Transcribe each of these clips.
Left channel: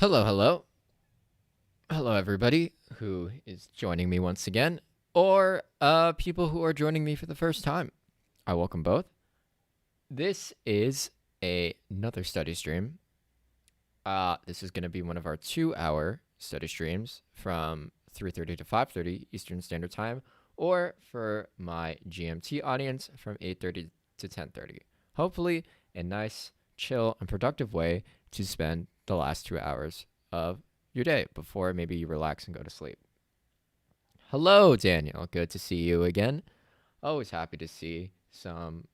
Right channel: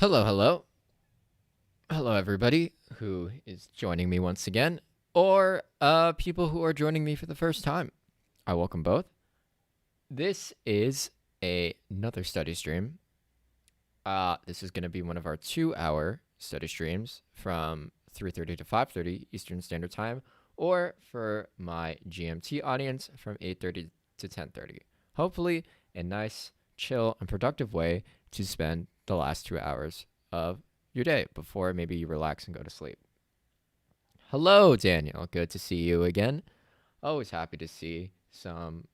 Hello, hello. Hello, everybody who is joining me once again, or people who are joining me for the first time. I welcome both. This is another study stream. This is going to be one of our 2-hour study streams from 3:30 to 5:30 Eastern Standard Time, or for my GMT audience from 8:30 to 10:30. Hopefully, a nice, chill, and productive way to spend the last 2 hours of your day before maybe you relax and go to sleep. Hello, Daniel. Good to see you again. Always happy to see some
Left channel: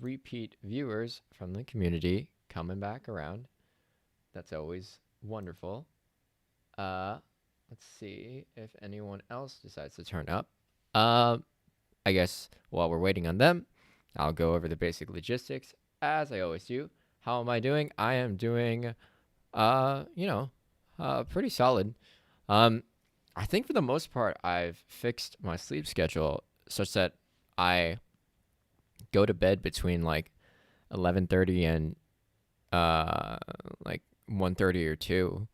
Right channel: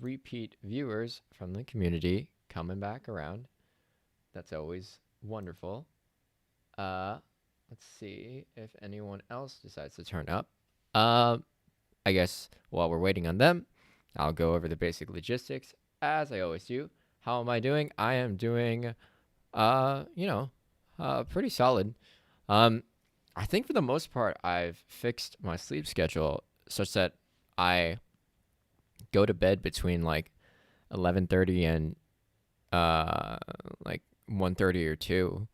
repeat viewers from the community coming back around. That's always wonderful. Let's see if anyone else decides to turn up. I guess while we're waiting on them, I'll go over the basic logistics as I always do. How am I doing? I am doing, pretty solid. I think for the most part, I've fixed my sleep schedule such that I go to bed between like 11:30 and like 1:30 or 2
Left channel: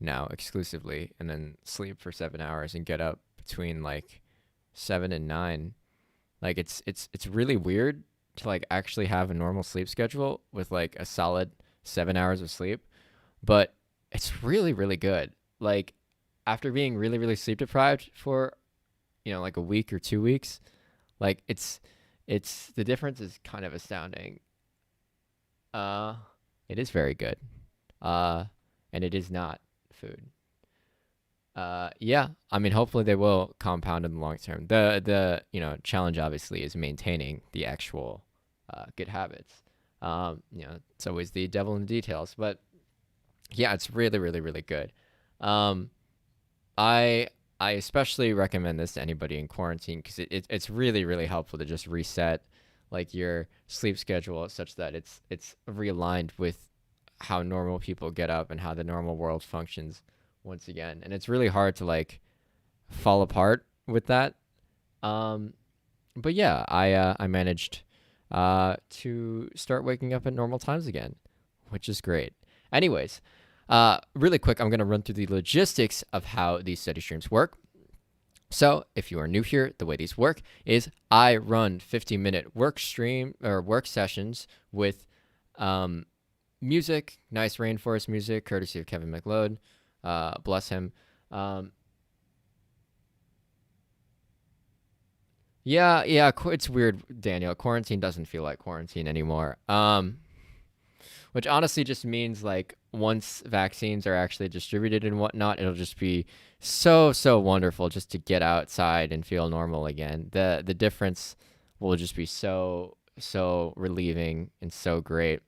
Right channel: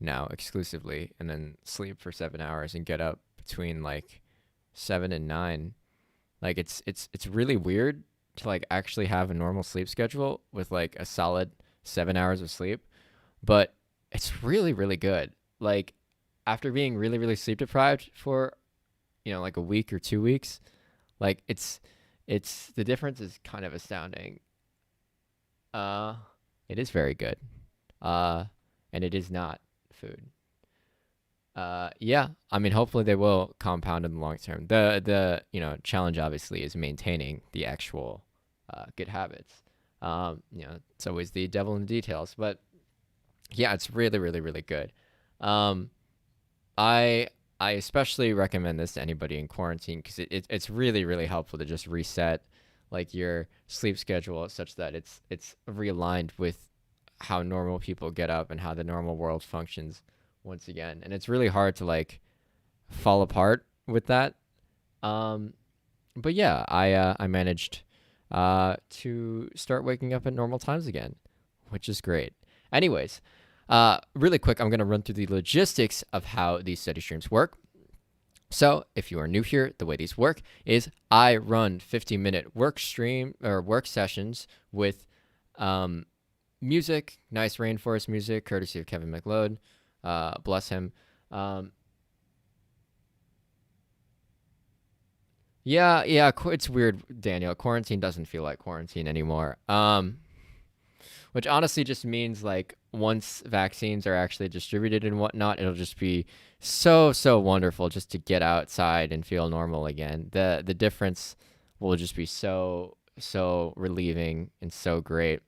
now exclusively, and then sleep for 7 hours and get up between like 7 and 9. Like it's really weird to like actually have a normal sleep schedule with like a solid 7 hours of sleep, but it's really, really good. Like after being really, really sleep deprived for, like a week or 2 weeks, like it's the difference is kind of astounding. It is very good. And it is not food. Yeah, I mean, hopefully they will compound in the long term. The challenge obviously is maintaining the actual good habits. It's always the devil in the details, but yeah, it's really, really, really good. I especially recommend this to anybody in quarantine because it's really, really helpful to just reset like your sleep schedule such that it's realigned with how normal people get up and how the normal world functions once again. And it's really hard to like fall apart with that. But yeah, I managed to start waking up at normal times again, which is great. Anyways, really quick, I'm going to run through the logistics of how these study streams work. So if you are new here, the way these work is I run 15-minute work stream or work sessions with music, nice Rainforest music, courtesy of Kevin MacLeod. Bless him. Yeah, it's weird, Daniel. Quarantine doesn't feel like quarantine anymore. Which honestly just means like once vaccines are actually distributed and whatnot, it'll just be so wonderful just to get outside and feel normal again. The difference will just be so relieving and so great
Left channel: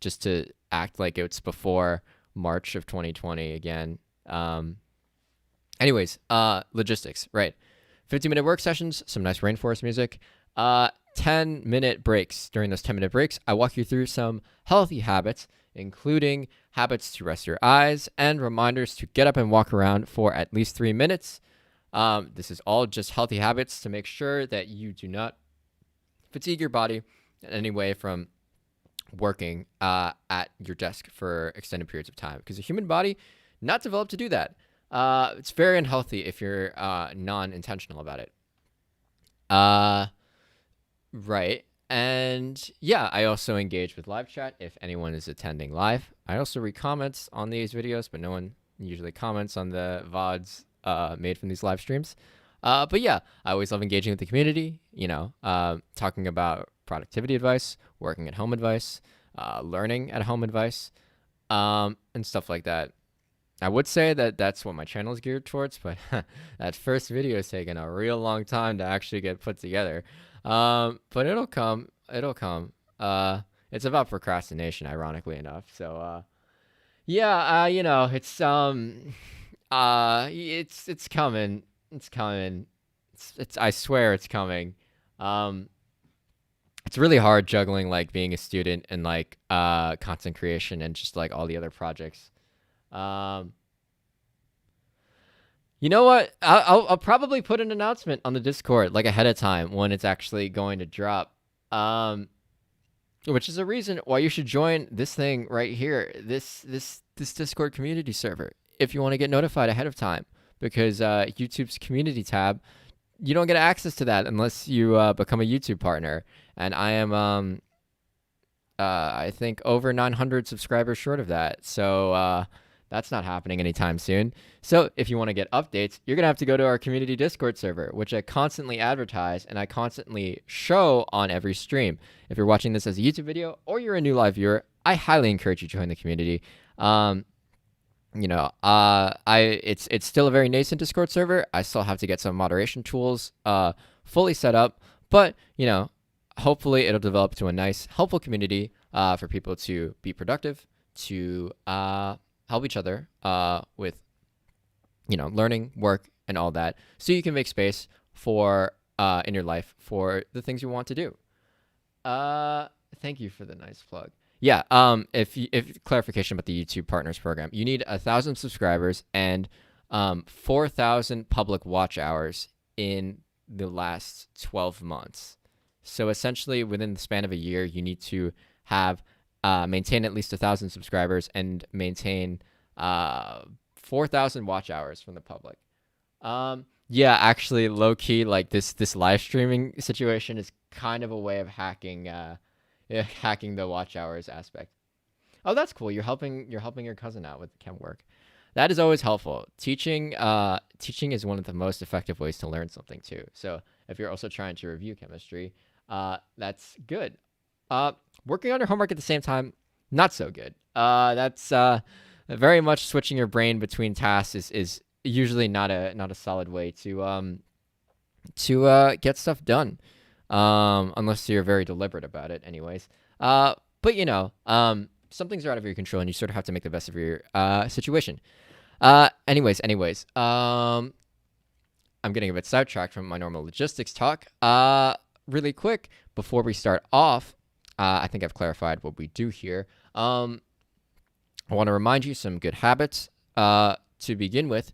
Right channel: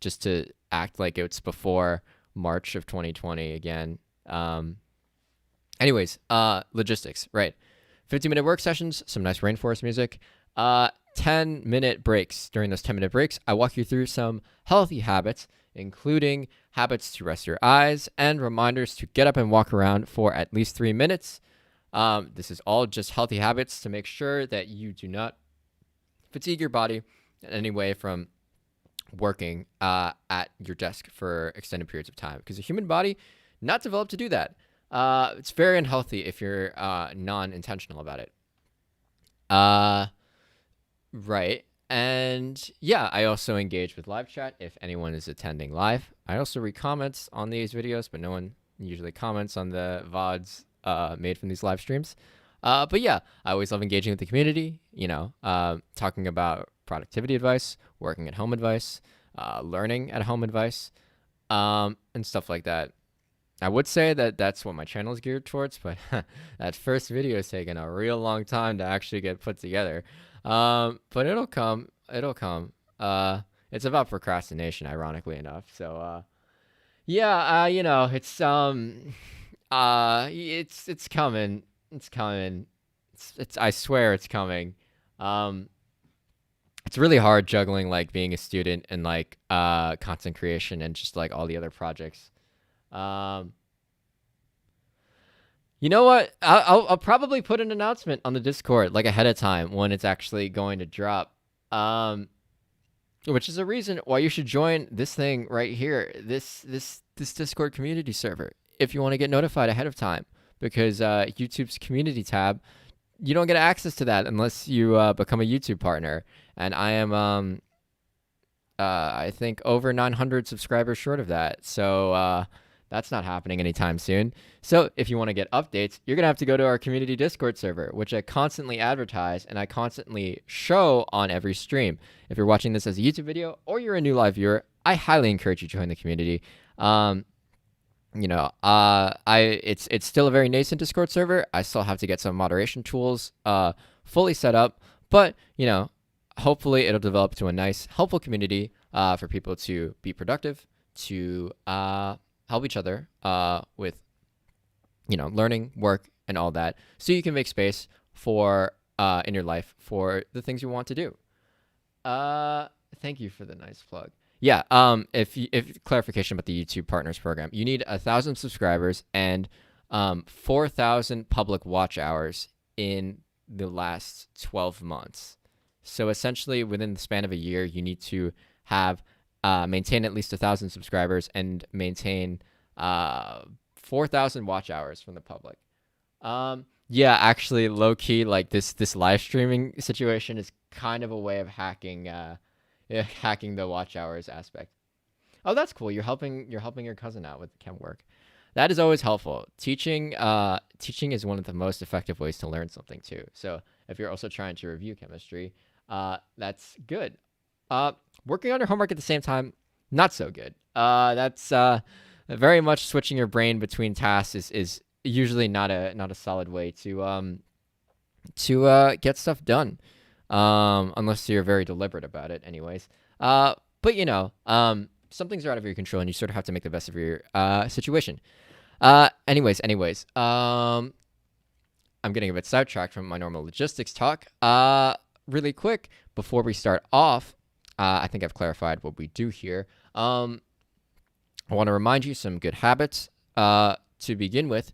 just to act like it's before March of 2020 again. Anyways, logistics, right? 15-minute work sessions, some nice Rainforest music. 10-minute breaks. During those 10-minute breaks, I walk you through some healthy habits, including habits to rest your eyes and reminders to get up and walk around for at least 3 minutes. This is all just healthy habits to make sure that you do not fatigue your body in any way from working at your desk for extended periods of time, because the human body not developed to do that. It's very unhealthy if you're non-intentional about it. Right. And yeah, I also engage with live chat if anyone is attending live. I also read comments on these videos, but no one usually comments on the VODs made from these live streams. But yeah, I always love engaging with the community, talking about productivity advice, working at home advice, learning at home advice, and stuff like that. I would say that that's what my channel is geared towards, but that first video has taken a real long time to actually get put together. But it'll come. It's about procrastination, ironically enough. So, yeah, it's coming. It's coming. I swear it's coming. It's really hard juggling like being a student and like content creation and just like all the other projects. You know what? I'll probably put an announcement on the Discord like ahead of time when it's actually going to drop. which is a reason why you should join this thing right here, this Discord community server, if you want to get notified ahead of time, because YouTube's community tab, you don't get access to that unless you become a YouTube partner, and I am I think over 900 subscribers short of that, so that's not happening anytime soon. So if you want to get updates, you're going to have to go to our community Discord server, which I constantly advertise and I constantly show on every stream. If you're watching this as a YouTube video or you're a new live viewer, I highly encourage you to join the community. It's still a very nascent Discord server. I still have to get some moderation tools fully set up, but hopefully it'll develop to a nice, helpful community for people to be productive, to help each other with, learning, work, and all that, so you can make space for in your life for the things you want to do. Thank you for the nice plug. Yeah. If clarification about the YouTube Partners Program, you need 1,000 subscribers and 4,000 public watch hours in the last 12 months. So essentially, within the span of a year, you need to have maintain at least 1,000 subscribers and maintain 4,000 watch hours from the public. Yeah, actually, low key, like this live streaming situation is kind of a way of hacking the watch hours aspect. Oh, that's cool. You're helping your cousin out with chem work. That is always helpful. Teaching is one of the most effective ways to learn something too. So if you're also trying to review chemistry, that's good. Working on your homework at the same time, not so good. That's very much switching your brain between tasks is usually not a solid way to get stuff done, unless you're very deliberate about it. Anyways, but some things are out of your control, and you sort of have to make the best of your situation. Anyways, I'm getting a bit sidetracked from my normal logistics talk. Really quick before we start off, I think I've clarified what we do here. I want to remind you some good habits to begin with.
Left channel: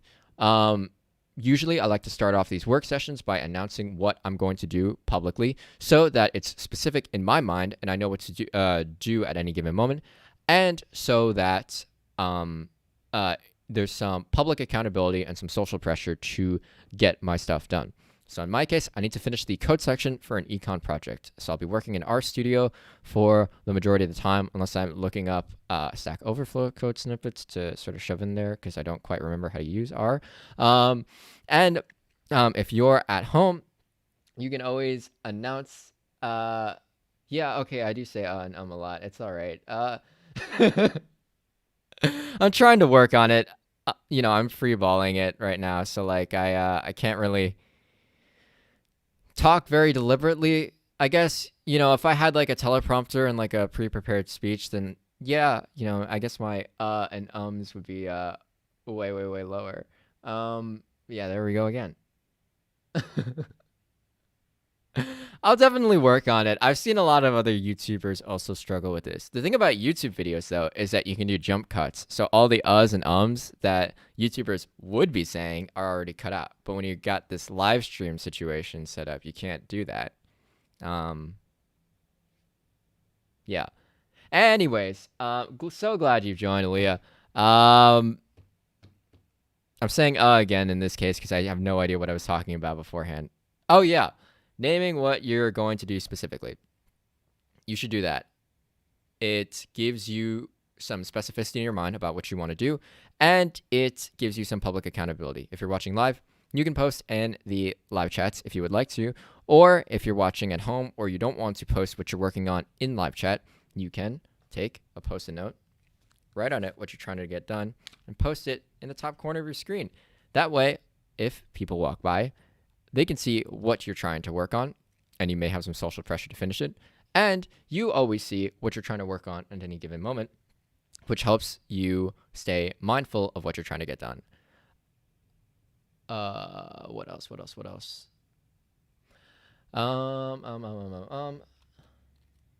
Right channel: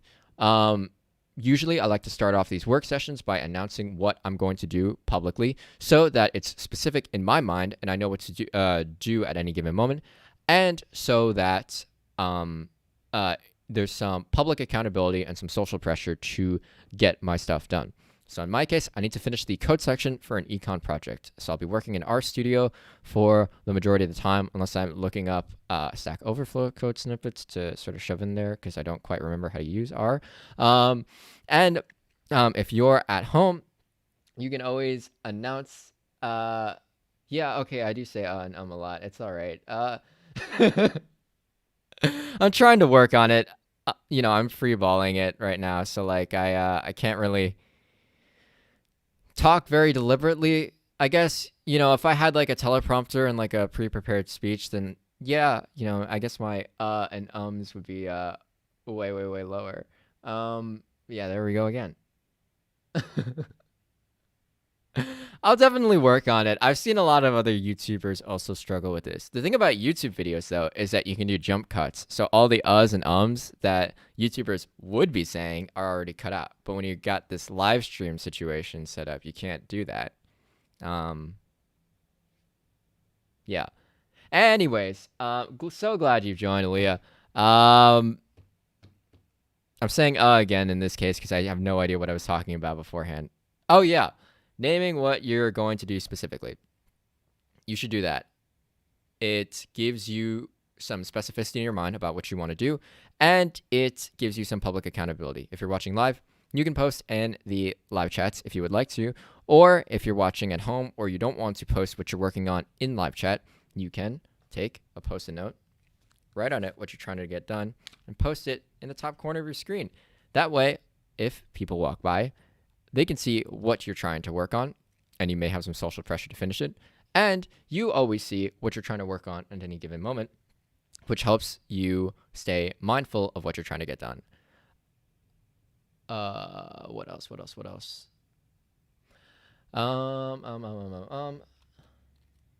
Usually I like to start off these work sessions by announcing what I'm going to do publicly so that it's specific in my mind and I know what to do at any given moment, and so that there's some public accountability and some social pressure to get my stuff done. So in my case, I need to finish the code section for an econ project. So I'll be working in RStudio for the majority of the time, unless I'm looking up Stack Overflow code snippets to sort of shove in there because I don't quite remember how to use R. If you're at home, you can always announce. Yeah, okay, I do say and a lot. It's all right. I'm trying to work on it. I'm freeballing it right now, so like I can't really talk very deliberately. I guess, if I had like a teleprompter and like a pre-prepared speech, then yeah, I guess my and ums would be way, way, way lower. Yeah, there we go again. I'll definitely work on it. I've seen a lot of other YouTubers also struggle with this. The thing about YouTube videos, though, is that you can do jump cuts. So all the uhs and ums that YouTubers would be saying are already cut out. But when you got this live stream situation set up, you can't do that. Yeah. Anyways, so glad you've joined, Aaliyah. I'm saying again in this case because I have no idea what I was talking about beforehand. Oh, yeah. Naming what you're going to do specifically. You should do that. It gives you some specificity in your mind about what you want to do, and it gives you some public accountability. If you're watching live, you can post in the live chats if you would like to, or if you're watching at home or you don't want to post what you're working on in live chat, you can take a post-it note, write on it what you're trying to get done, and post it in the top corner of your screen. That way, if people walk by, they can see what you're trying to work on, and you may have some social pressure to finish it. And you always see what you're trying to work on at any given moment, which helps you stay mindful of what you're trying to get done. What else?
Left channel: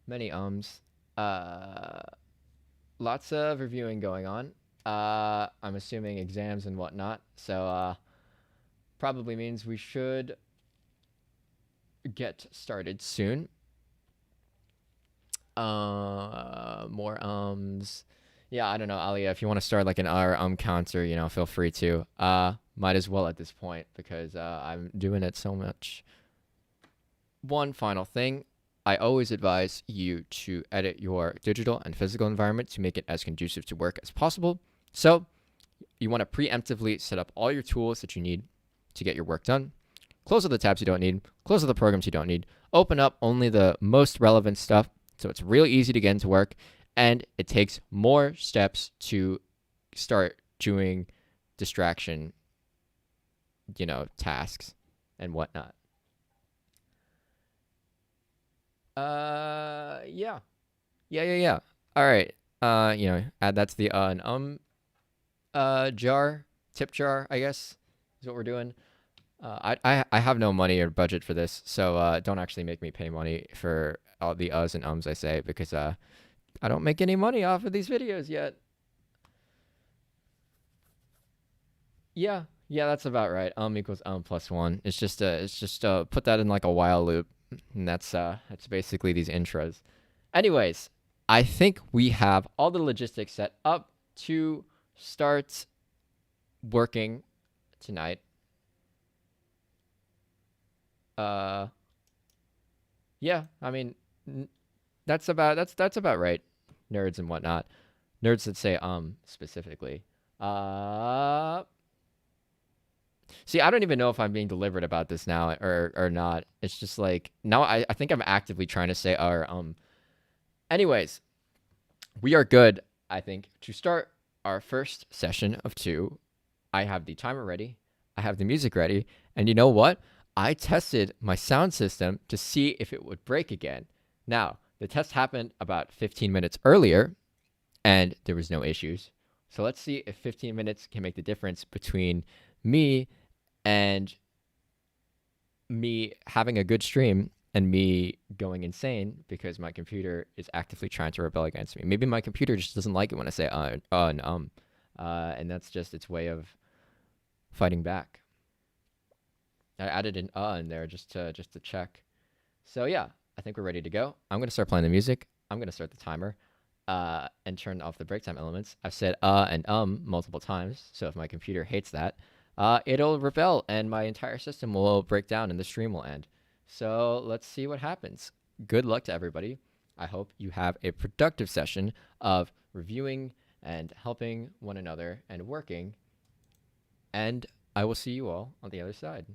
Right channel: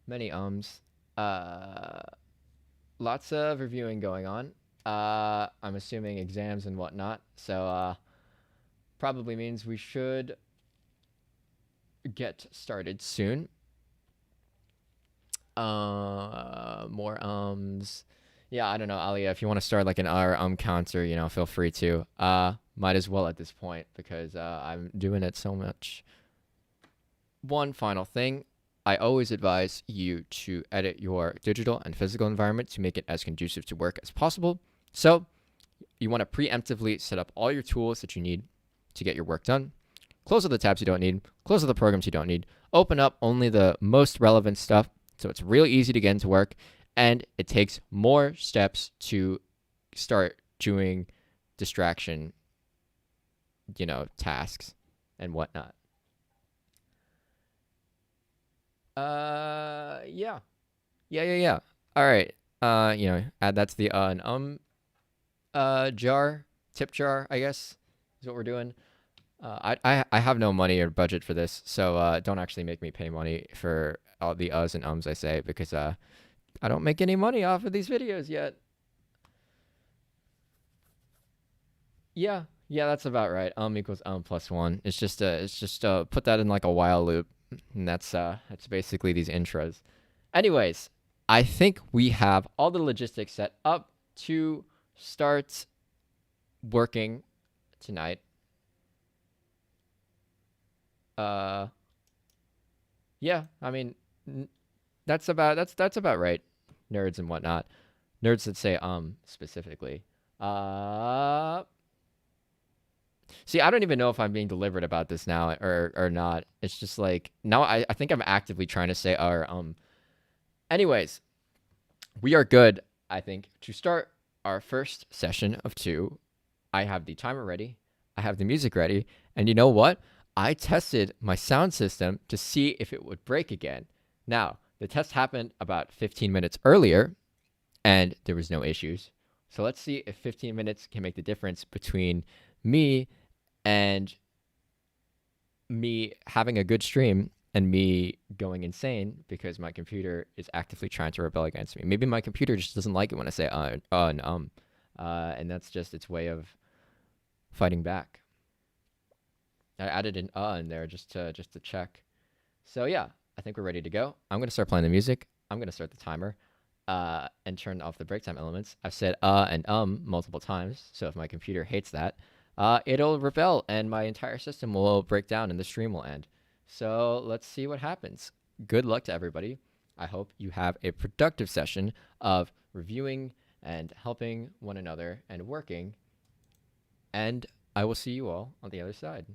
Many ums. Lots of reviewing going on. I'm assuming exams and whatnot. So, probably means we should get started soon. More ums. Yeah, I don't know, Alia. If you want to start like an counter, feel free to. Might as well at this point because I'm doing it so much. One final thing. I always advise you to edit your digital and physical environment to make it as conducive to work as possible. So you want to preemptively set up all your tools that you need to get your work done. Close all the tabs you don't need. Close all the programs you don't need. Open up only the most relevant stuff so it's real easy to get into work. And it takes more steps to start doing distraction, tasks and whatnot. Yeah. Yeah. All right. Add that to the jar, tip jar, I guess, is what we're doing. I have no money or budget for this, so don't actually make me pay money for all the uhs and ums I say because I don't make any money off of these videos yet. Yeah, that's about right. Equals plus one. It's just put that in like a while loop, and that's basically these intros. Anyways, I think we have all the logistics set up to start working tonight. Yeah, I mean, that's about right. Nerds and whatnot. Nerds that say specifically. See, I don't even know if I'm being deliberate about this now or not. It's just like now I think I'm actively trying to say Anyways, we are good, I think, to start our first session of 2. I have the timer ready. I have the music ready. And you know what? I tested my sound system to see if it would break again. Now, the test happened about 15 minutes earlier, and there was no issues. So let's see if 15 minutes can make the difference between me and me having a good stream and me going insane because my computer is actively trying to rebel against me. Maybe my computer just doesn't like it when I say and that's just its way of fighting back. I added an in there just to check. So yeah, I think we're ready to go. I'm gonna start playing the music. I'm gonna start the timer, and turn off the break time elements. I've said and multiple times, so if my computer hates that, it'll rebel and my entire system will break down and the stream will end. So let's see what happens. Good luck to everybody. I hope you have a productive session of reviewing and helping one another and working. And I will see you all on the other side.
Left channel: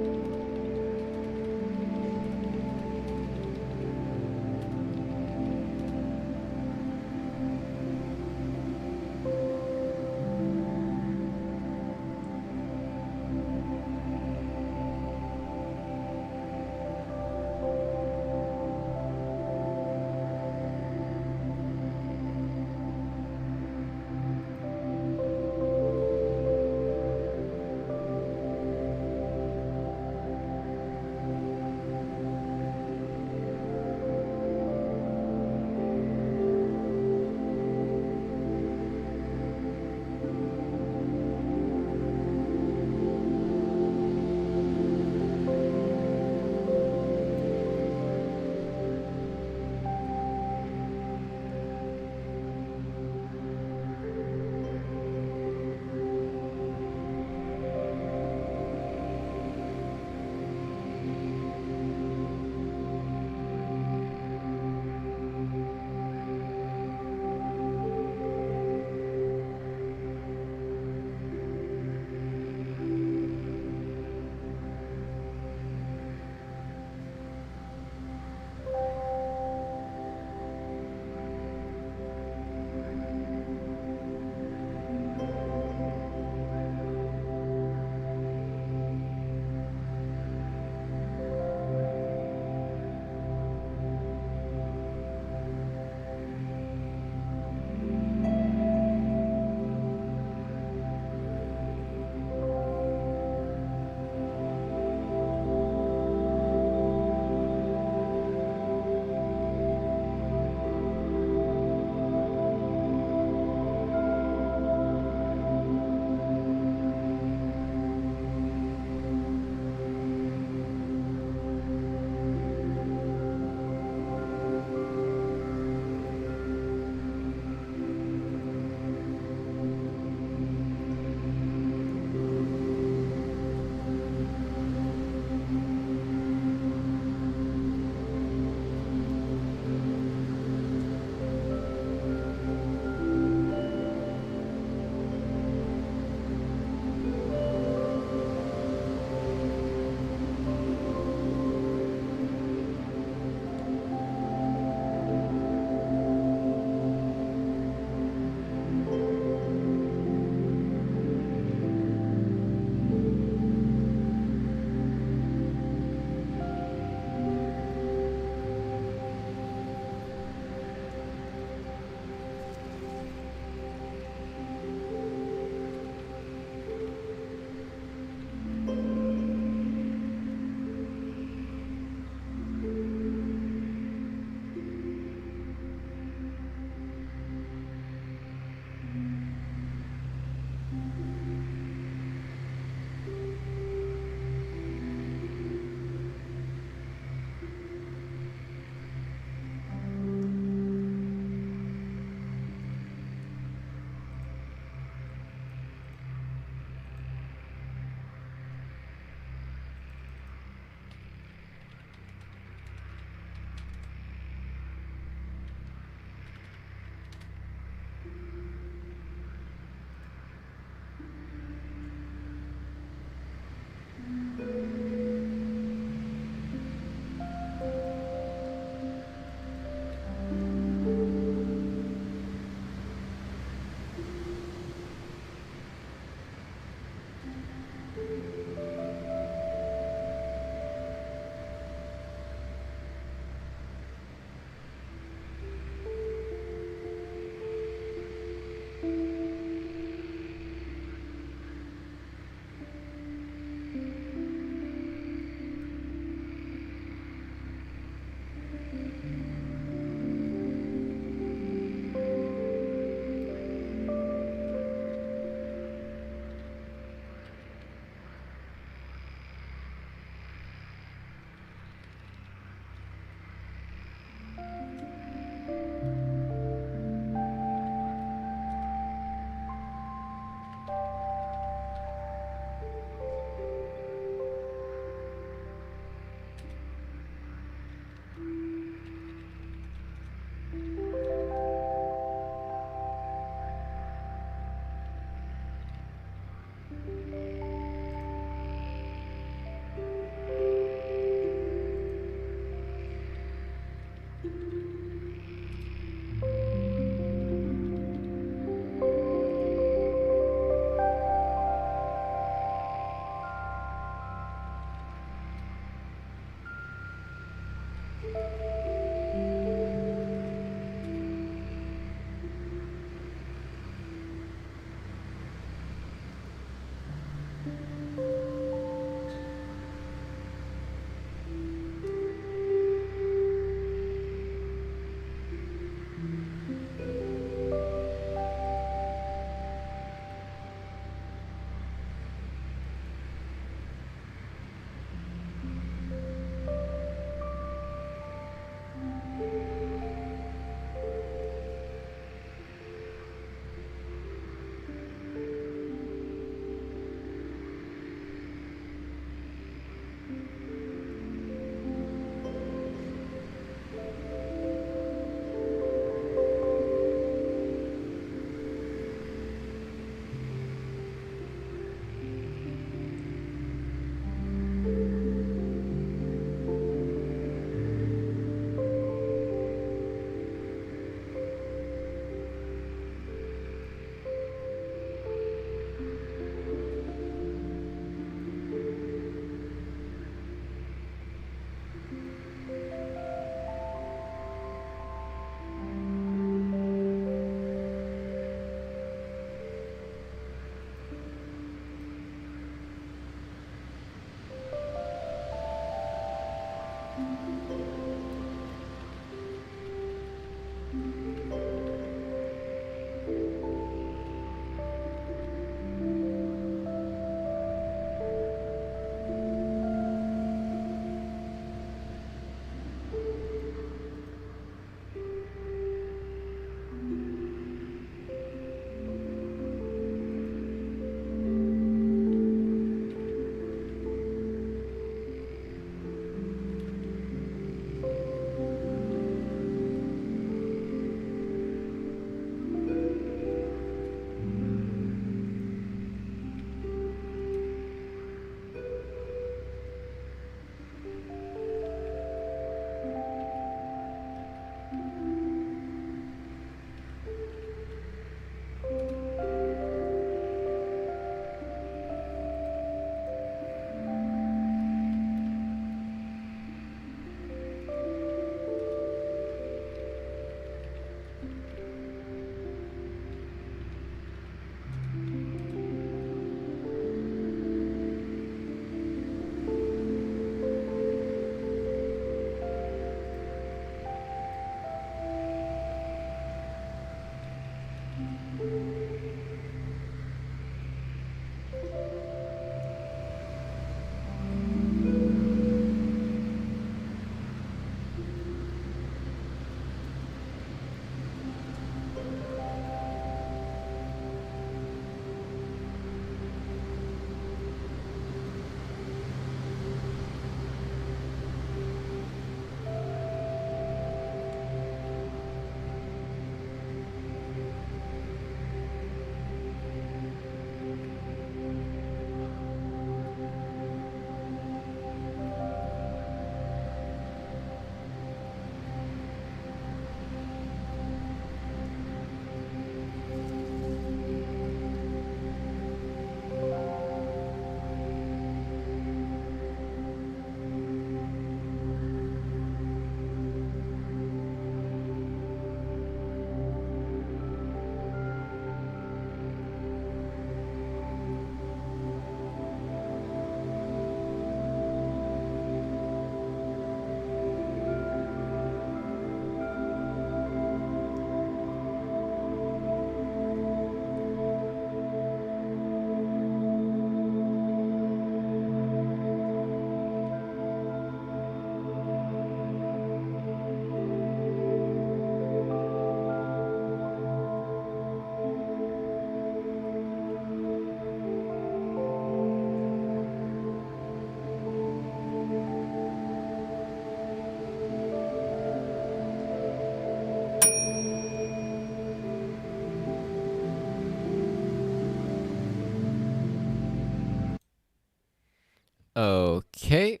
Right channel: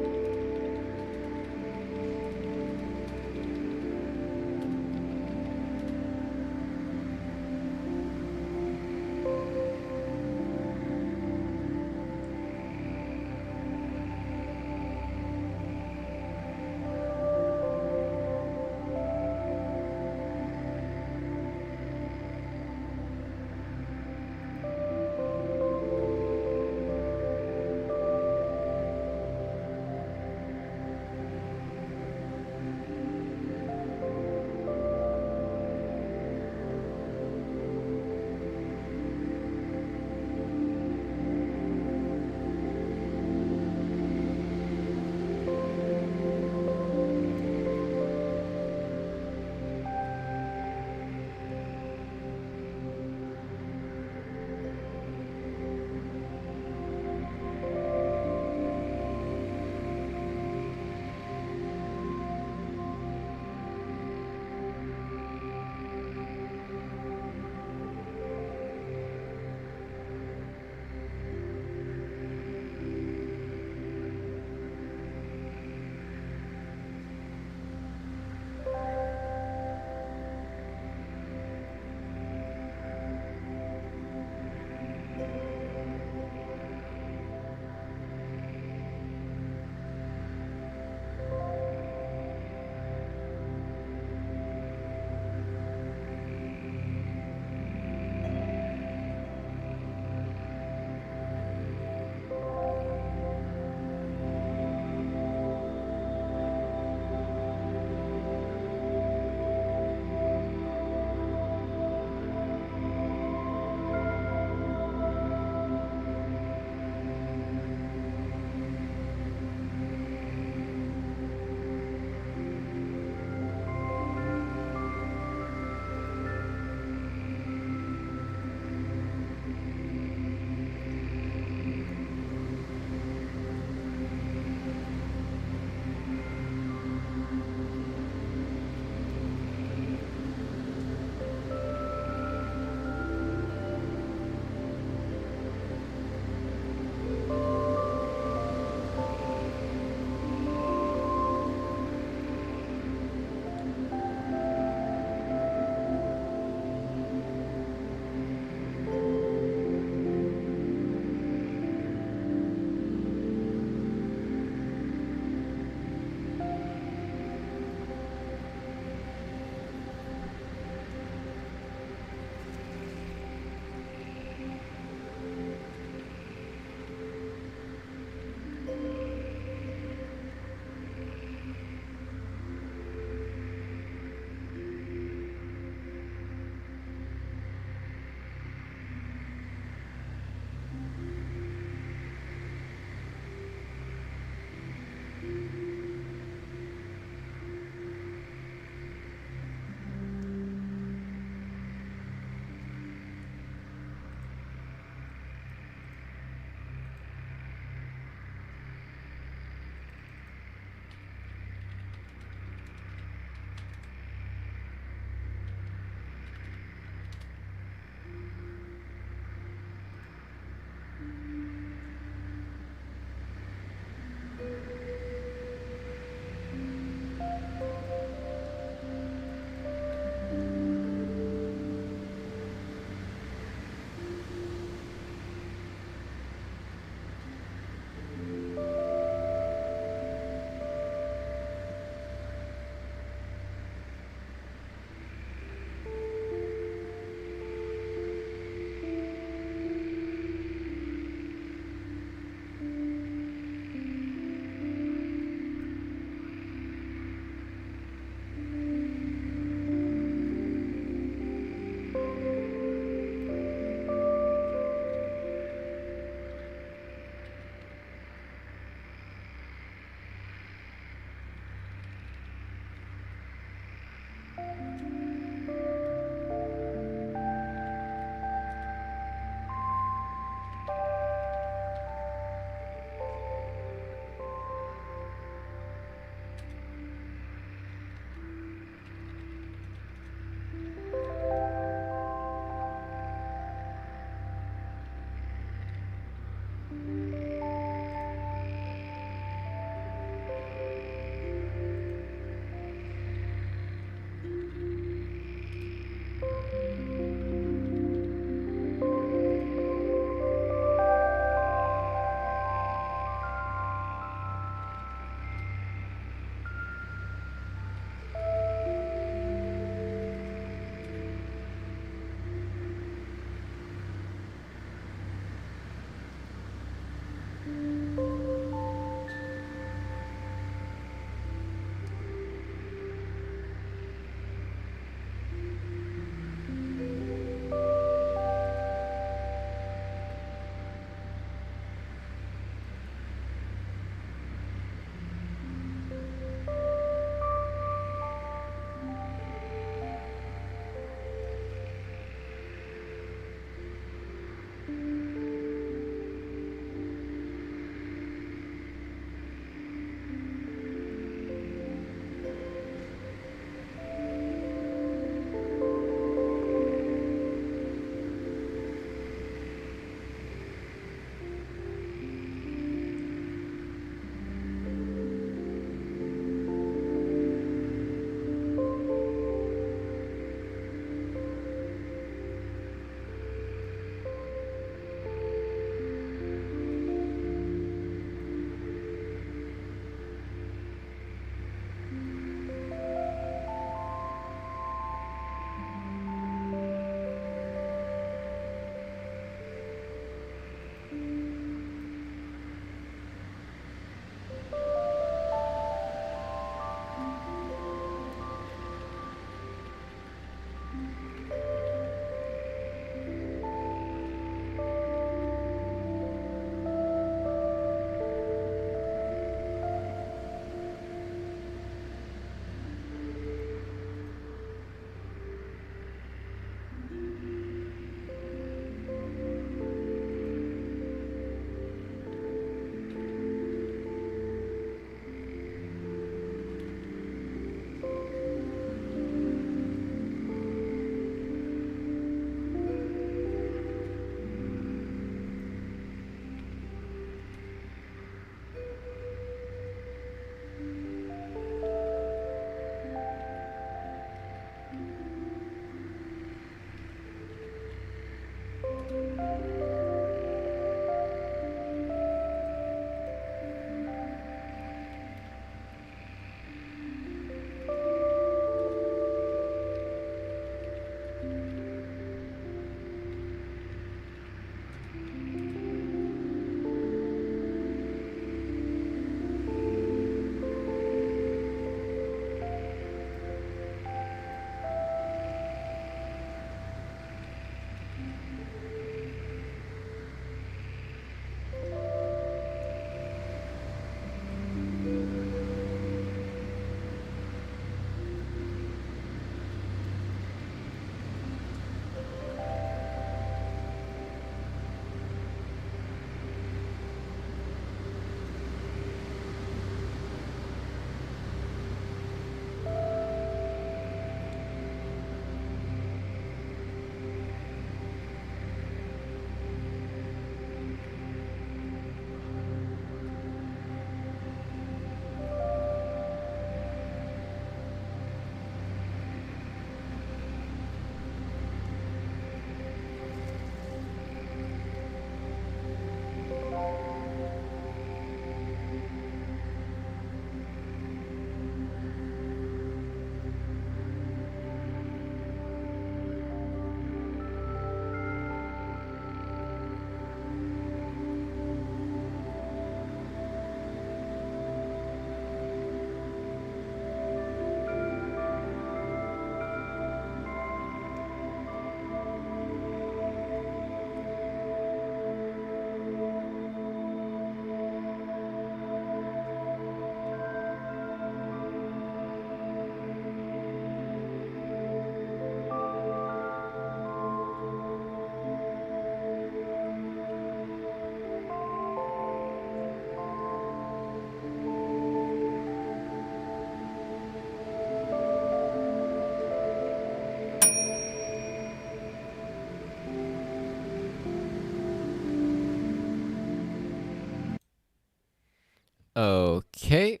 Okay,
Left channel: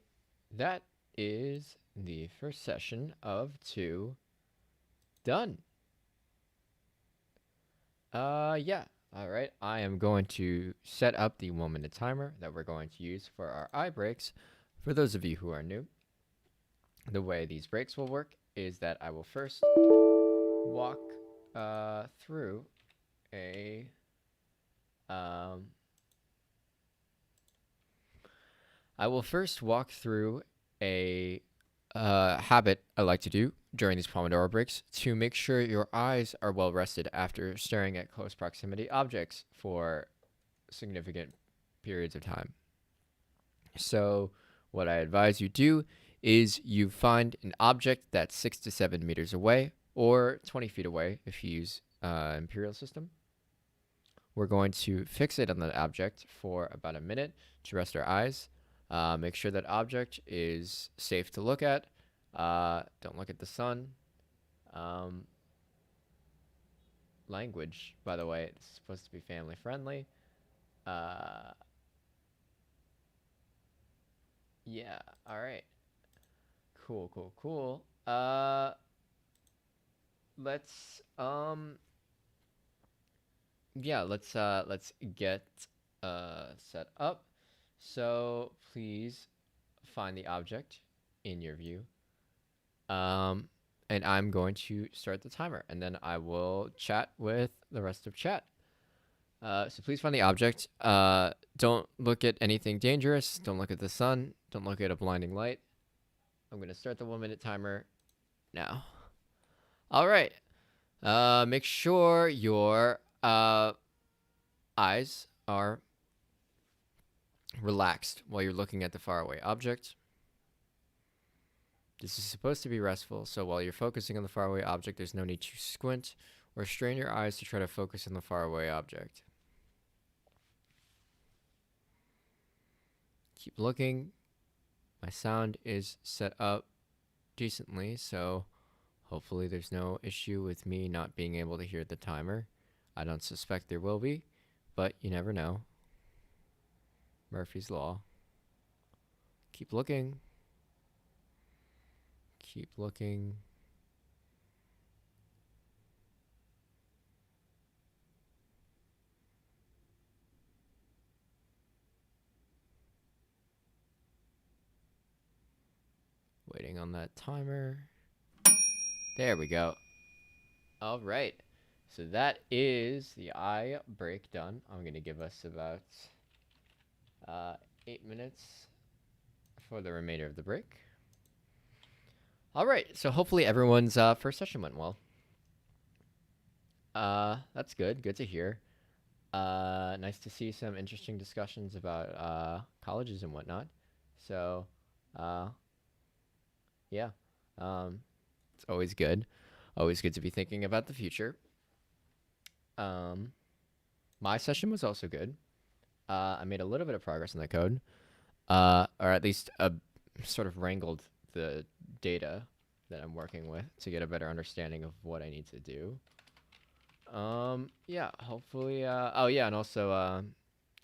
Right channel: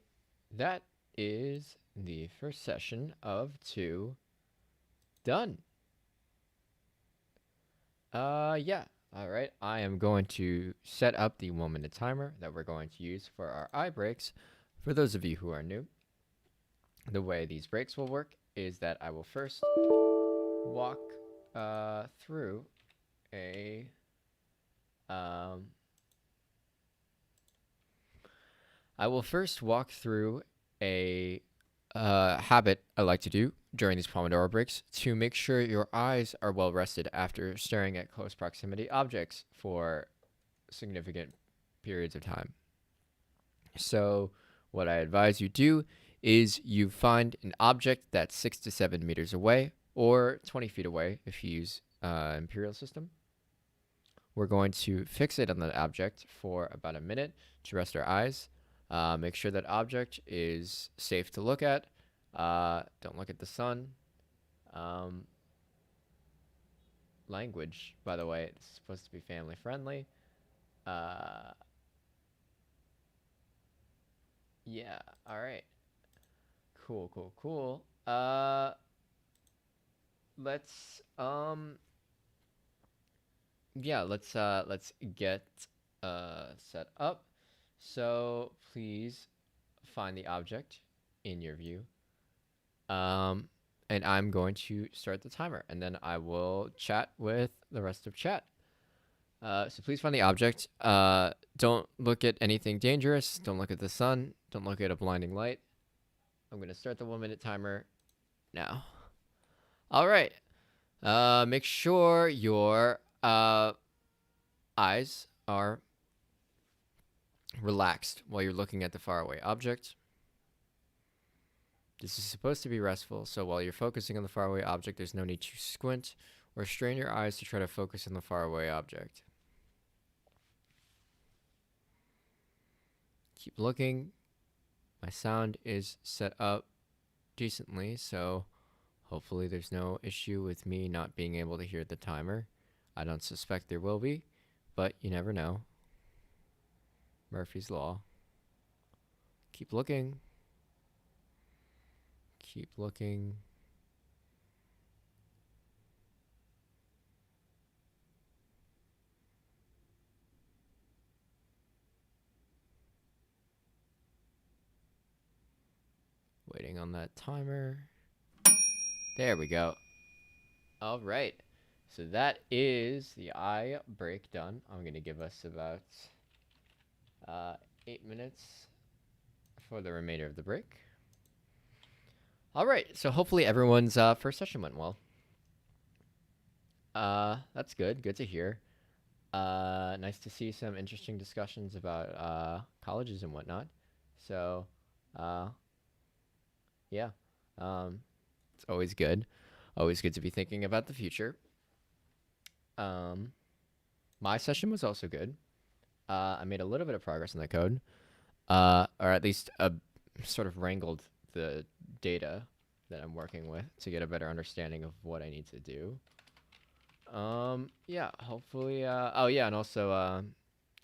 that is the first session of 2 done. Yeah. All right. I am going to set up the 1-minute timer that we're going to use for our eye breaks. For those of you who are new, the way these breaks will work is that I will first walk through a habit I like to do during these Pomodoro breaks to make sure your eyes are well rested after staring at close proximity objects for significant periods of time. So what I advise you do is you find an object that's 6 to 7 meters away or 20 feet away if you use imperial system. We're going to fixate on that object for about a minute to rest our eyes. Make sure that object is safe to look at. Don't look at the sun. Language, by the way, it's supposed to be family friendly. Yeah, all right. Cool, cool, cool. Let's let's get set up. So please find the object in your view. And I'm going to start the timer, and then I will chat with the rest of chat. So please find the object. Don't look at anything dangerous. Don't look at the sun. Don't look at a blinding light. I'm going to start the 1-minute timer now. All right. Make sure your eyes are relaxed while you're looking at the faraway object. This is supposed to be restful, so while you're focusing on the faraway object, there's no need to squint or strain your eyes to try to focus on the faraway object. Keep looking. My sound is set up decently, so hopefully there's no issue with me not being able to hear the timer. I don't suspect there will be, but you never know. Murphy's Law. Keep looking. Keep looking. Waiting on that timer. There we go. All right. So that is the eye break done. I'm going to give us about 8 minutes for the remainder of the break. All right. So hopefully everyone's first session went well. That's good. Good to hear. Nice to see some interesting discussions about colleges and whatnot. So, uh, yeah, um, it's always good. Always good to be thinking about the future. Um, my session was also good. I made a little bit of progress in the code, or at least sort of wrangled the data that I'm working with to get a better understanding of what I need to do. Yeah, hopefully, oh yeah, and also,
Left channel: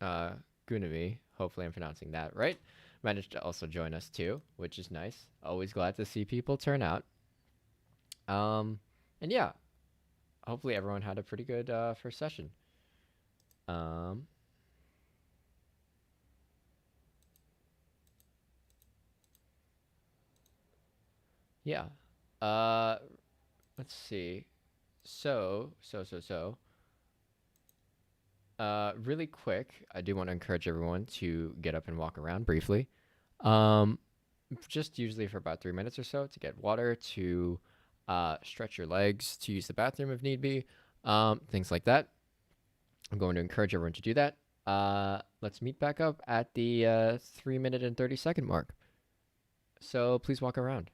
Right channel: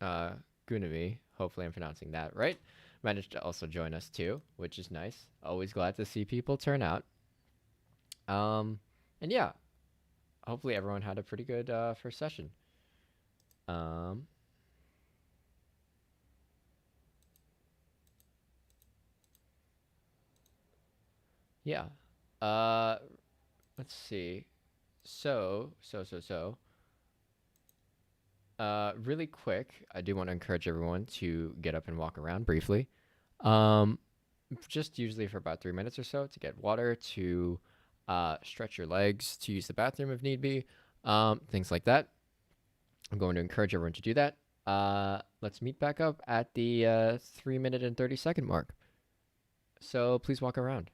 Gunami, hopefully I'm pronouncing that right, managed to also join us too, which is nice. Always glad to see people turn out. Um, and yeah, hopefully everyone had a pretty good, first session. Um, yeah. Uh, let's see. So, really quick, I do want to encourage everyone to get up and walk around briefly. Um, just usually for about 3 minutes or so to get water, to stretch your legs, to use the bathroom if need be, things like that. I'm going to encourage everyone to do that. Let's meet back up at the 3 minute and 30 second mark. So please walk around.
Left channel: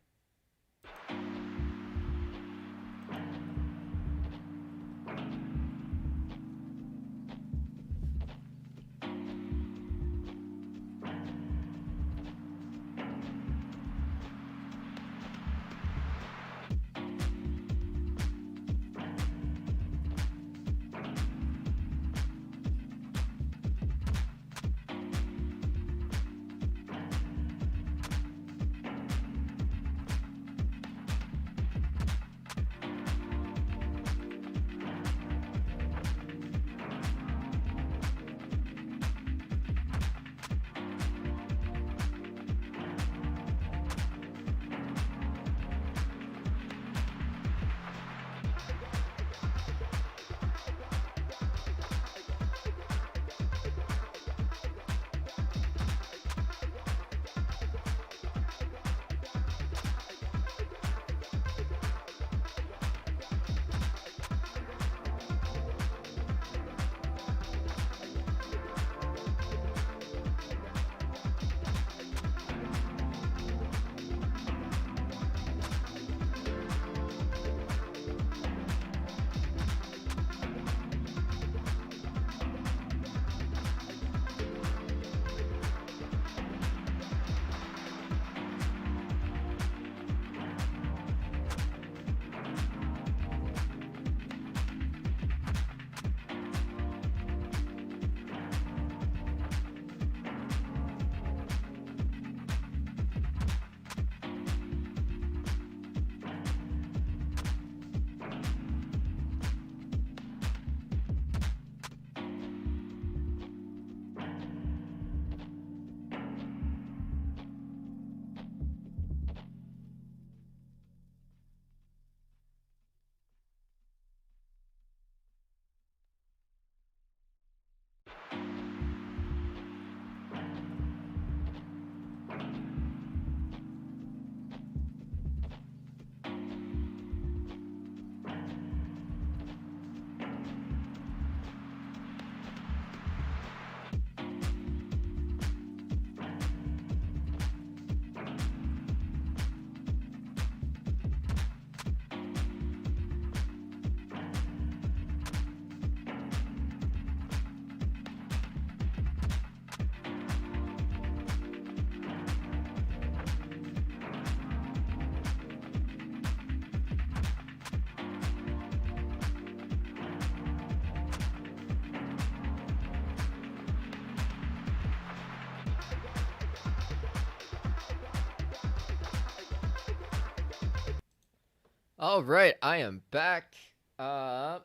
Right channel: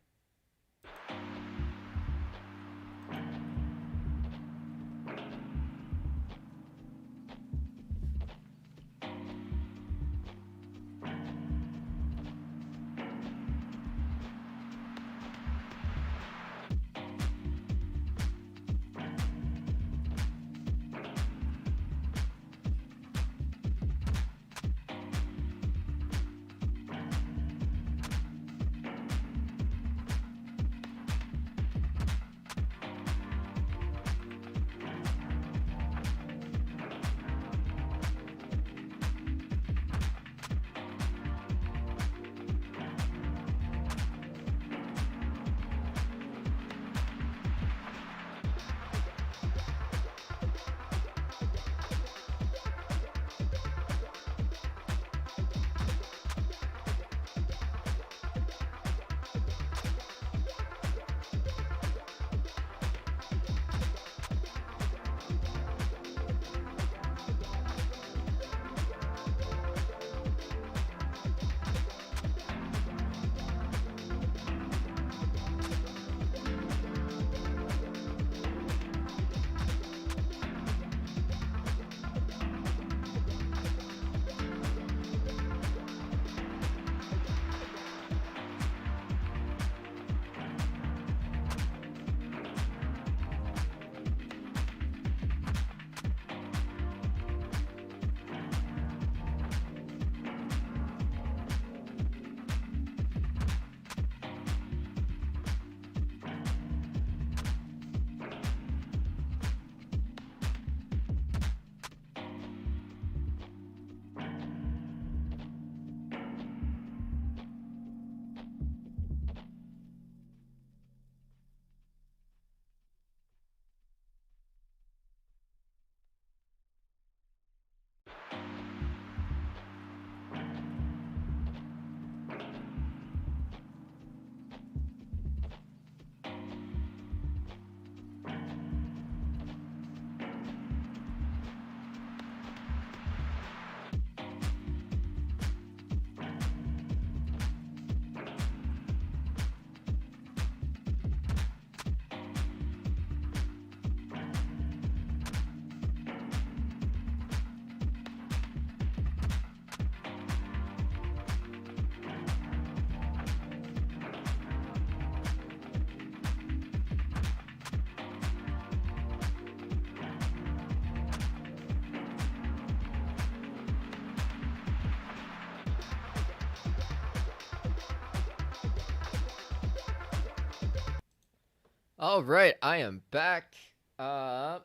All right, I am back. Uh,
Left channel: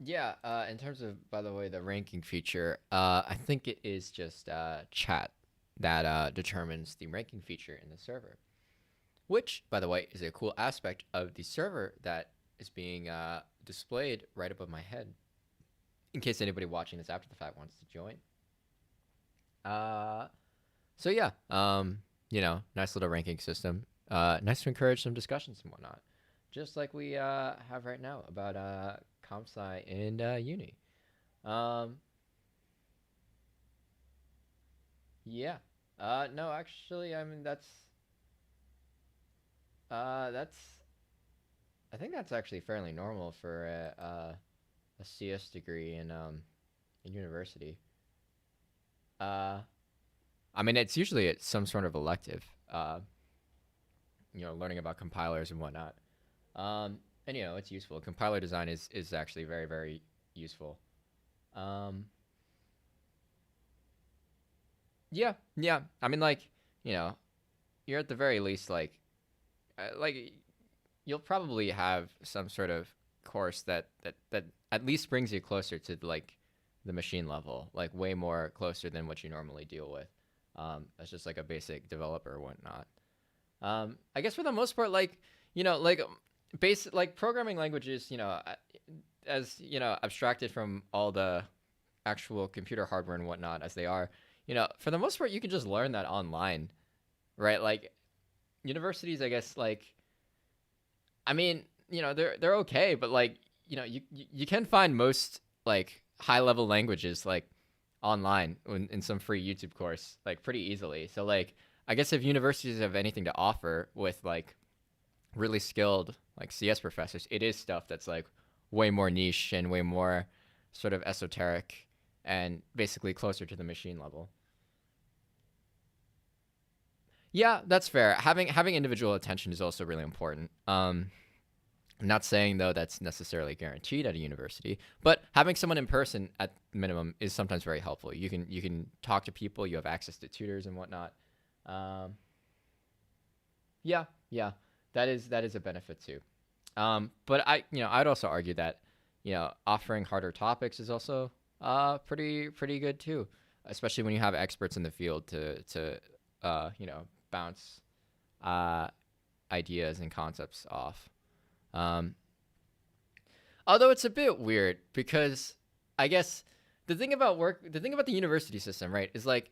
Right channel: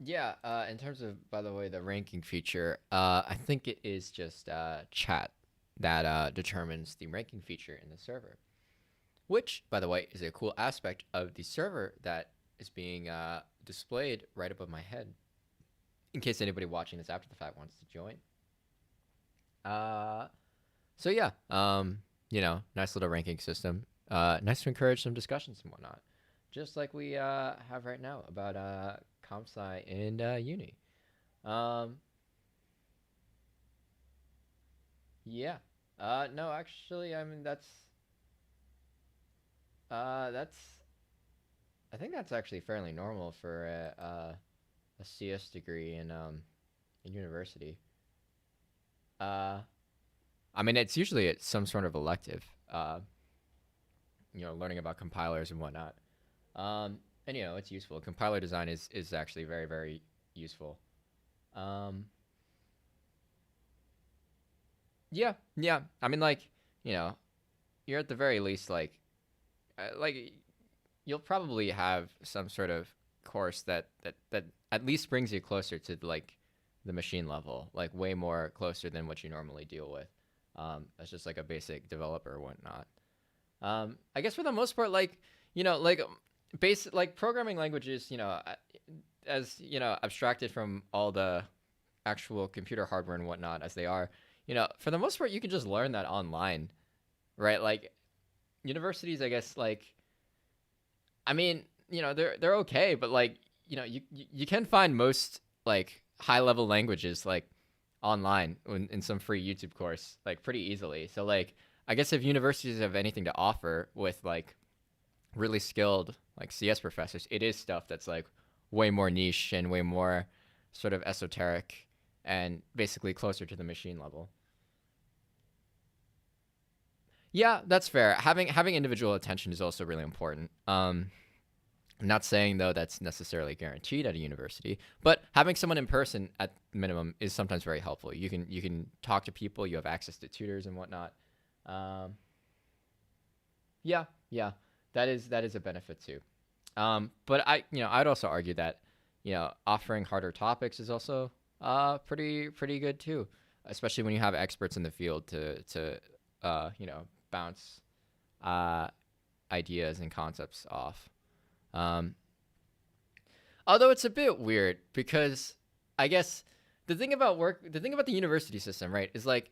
yeah. In terms of, by the way, the ranking feature, I think it is just chat that determines the ranking feature in the server, which, by the way, is a cool aspect of the server that is being displayed right above my head. In case anybody watching this after the fact wants to join. Uh, so yeah, nice little ranking system. Nice to encourage some discussions and whatnot, just like we have right now about comp sci in uni. Um, yeah. No, actually, I mean that's I think that's actually fairly normal for a CS degree in university. Uh, I mean, it's usually it's some sort of elective. Learning about compilers and whatnot. Um, and it's useful. Compiler design is actually very very useful. Um, yeah, yeah. I mean, like you know, you're at the very least like you'll probably have some sort of course that at least brings you closer to like the machine level, like way more closer than what you normally deal with. As just like a basic developer or whatnot. I guess for the most part, like basic like programming languages, as abstracted from all the actual computer hardware and whatnot as they are, for the most part, you can just learn that online, right? Like universities, I guess, like I mean, they're okay, but like you can find most like high level languages like online in some free YouTube course like pretty easily. So like I guess if universities have anything to offer with like really skilled like CS professors, it is stuff that's like way more niche and way more sort of esoteric and basically closer to the machine level. Yeah, that's fair. Having individual attention is also really important. I'm not saying though that's necessarily guaranteed at a university, but having someone in person at minimum is sometimes very helpful. You can talk to people. You have access to tutors and whatnot. Um, yeah, yeah, that is a benefit too. But I'd also argue that offering harder topics is also pretty good too, especially when you have experts in the field to bounce uh, ideas and concepts off. Um, Although it's a bit weird because I guess the thing about the university system, right, is like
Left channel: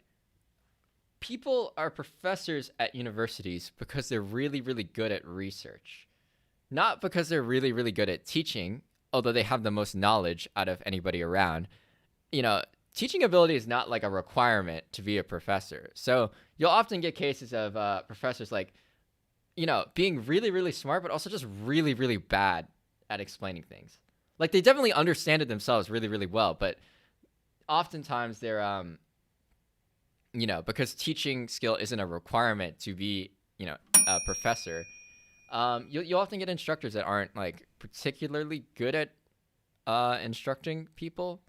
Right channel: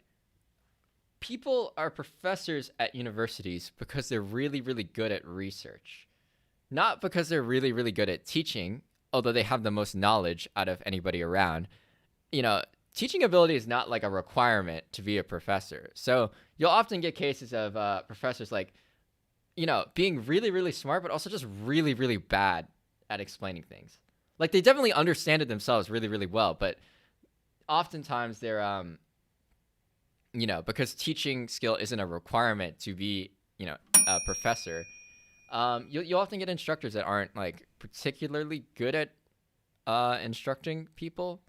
people are professors at universities because they're really, really good at research, not because they're really, really good at teaching, although they have the most knowledge out of anybody around. You know, Teaching ability is not like a requirement to be a professor. So you'll often get cases of professors like, being really, really smart, but also just really, really bad at explaining things. Like they definitely understand it themselves really, really well, but oftentimes they're, because teaching skill isn't a requirement to be, a professor. You'll often get instructors that aren't like particularly good at instructing people.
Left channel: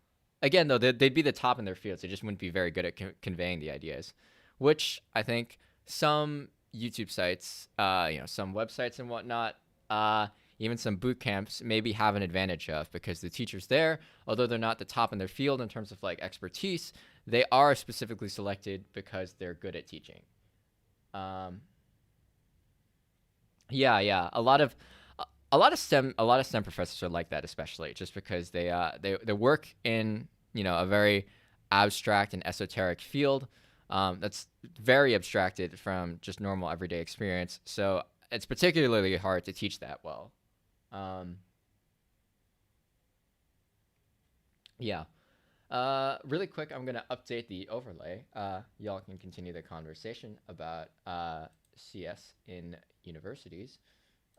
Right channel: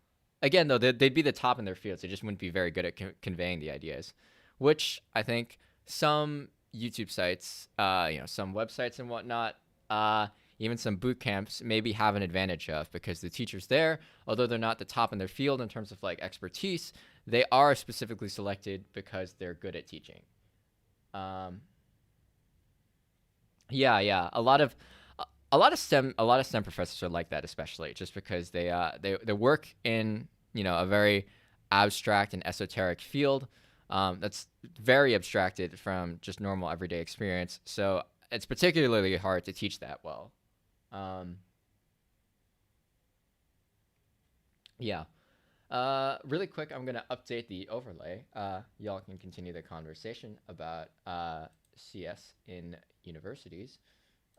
Again, though, they'd be the top in their fields. They just wouldn't be very good at conveying the ideas, which I think some YouTube sites, some websites and whatnot, even some boot camps maybe have an advantage of because the teachers there, although they're not the top in their field in terms of like expertise, they are specifically selected because they're good at teaching. Um, yeah, yeah, a lot of STEM professors are like that, especially just because they work in a very abstract and esoteric field that's very abstracted from just normal everyday experience. So it's particularly hard to teach that well. Um, yeah. Really quick, I'm gonna update the overlay. Y'all can continue the conversation about CS in universities.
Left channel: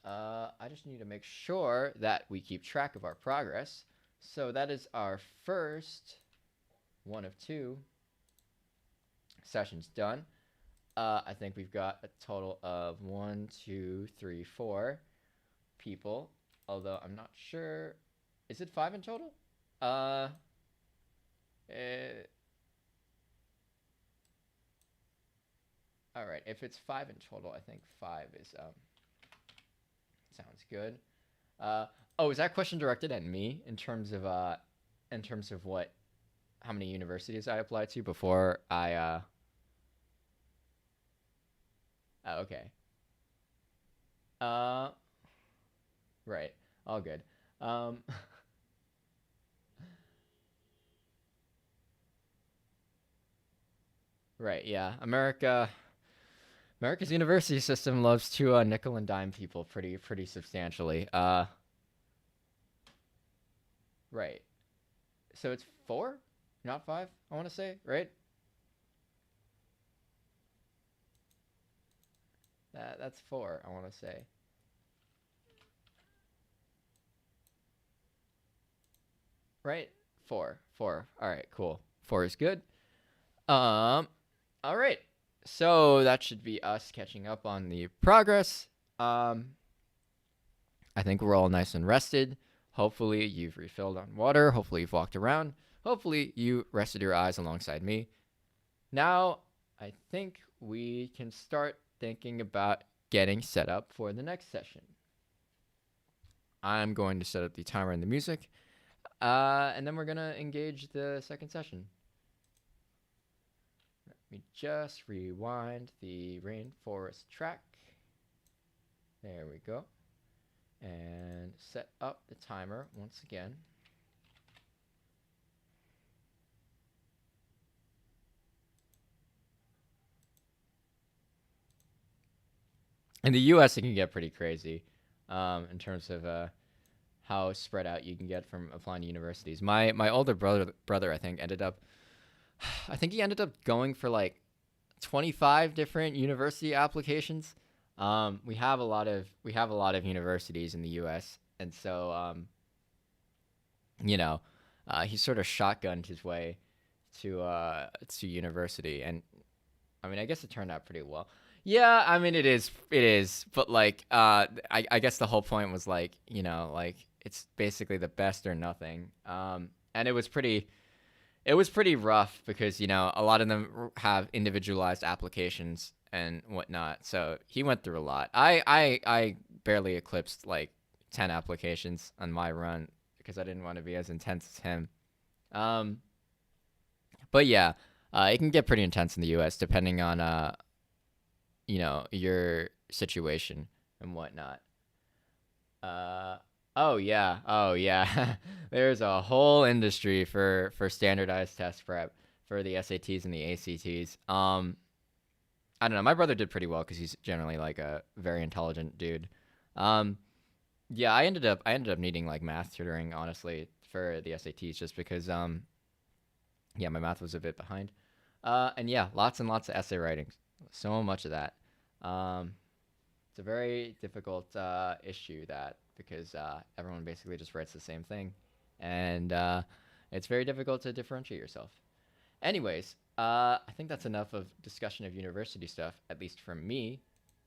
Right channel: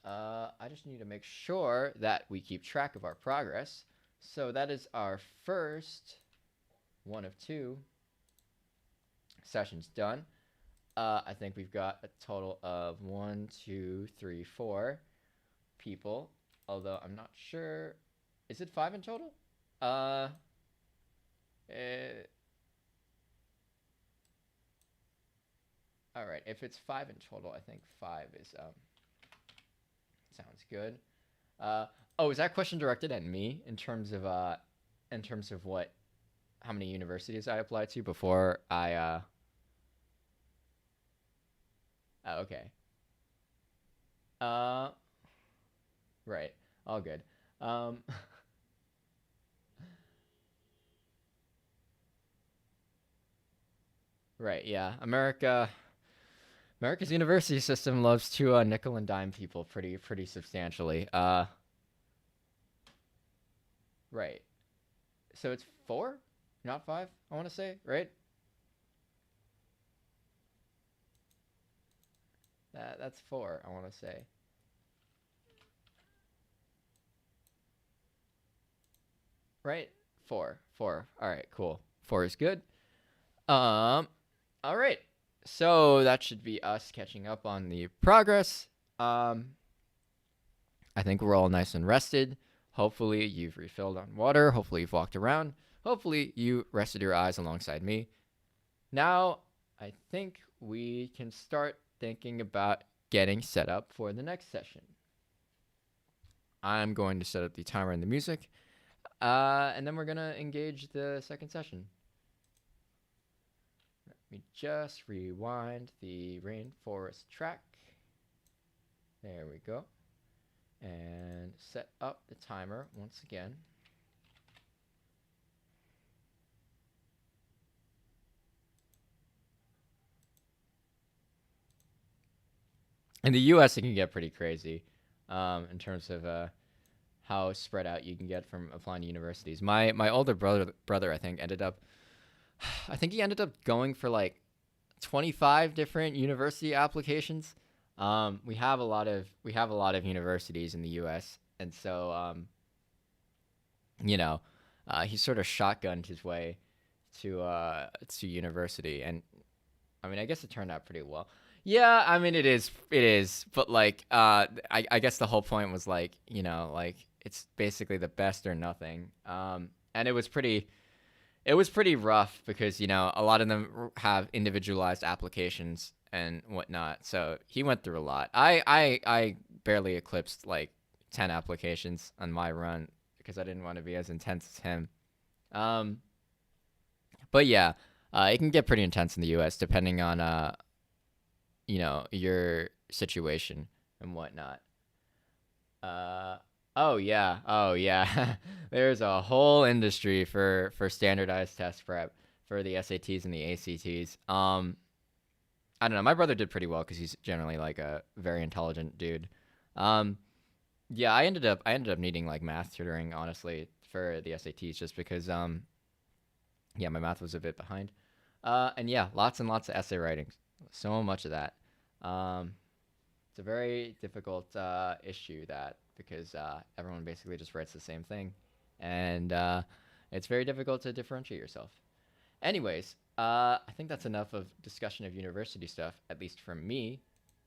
I just need to make sure that we keep track of our progress. So that is our first one of two sessions done. I think we've got a total of 1, 2, 3, 4 people. Although I'm not sure. Is it 5 in total? Uh, eh, all right. If it's 5 in total, I think 5 is sounds good. Uh, oh, is that question directed at me in terms of what how many universities I applied to before I oh, okay. Uh right. All good. Um right, yeah. America's university system loves to nickel and dime people pretty substantially. Right. So it's 4, not 5, I want to say, right? That's 4, I want to say. Right? 4. 4. All right, cool. 4 is good. All right. So that should be us catching up on the progress. I think we're all nice and rested. Hopefully you've refilled on water. Hopefully you've walked around. Hopefully you rested your eyes alongside me. Now, I think we can start thinking about getting set up for the next session. I'm going to set up the timer and the music, and then we're going to engage the second session. Let me just rewind the Rainforest track. There we go. And set up the timer once again. In the US, it can get pretty crazy in terms of how spread out you can get from applying to universities. My older brother, I think, ended up going for like 25 different university applications. We have a lot of universities in the U.S. and so he sort of shotgunned his way to university, and I mean, I guess it turned out pretty well. Yeah, I mean, it is, but like, I guess the whole point was like, like it's basically the best or nothing. And it was pretty rough because a lot of them have individualized applications and whatnot. So he went through a lot. I barely eclipsed like 10 applications on my run because I didn't want to be as intense as him. But yeah, it can get pretty intense in the U.S. depending on your situation and whatnot. Oh yeah. There's a whole industry for standardized test prep for the SATs and the ACTs. I don't know. My brother did pretty well because he's generally like a very intelligent dude. Yeah, I ended up needing like math tutoring honestly for the SATs just because yeah, my math was a bit behind. And yeah, lots and lots of essay writing. So much of that. It's a very difficult issue because everyone basically just writes the same thing, and it's very difficult to differentiate yourself. Anyways, I think that's enough of discussion of university stuff, at least from me.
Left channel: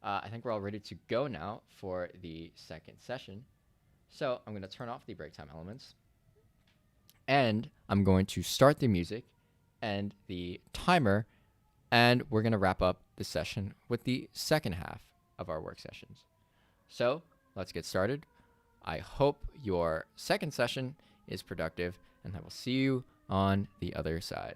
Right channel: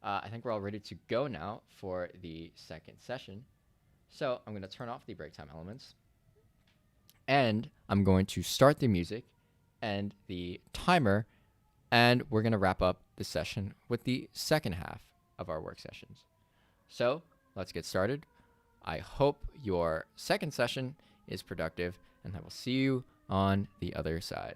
I think we're all ready to go now for the second session. So I'm going to turn off the break time elements, and I'm going to start the music and the timer, and we're going to wrap up the session with the second half of our work sessions. So let's get started. I hope your second session is productive, and I will see you on the other side.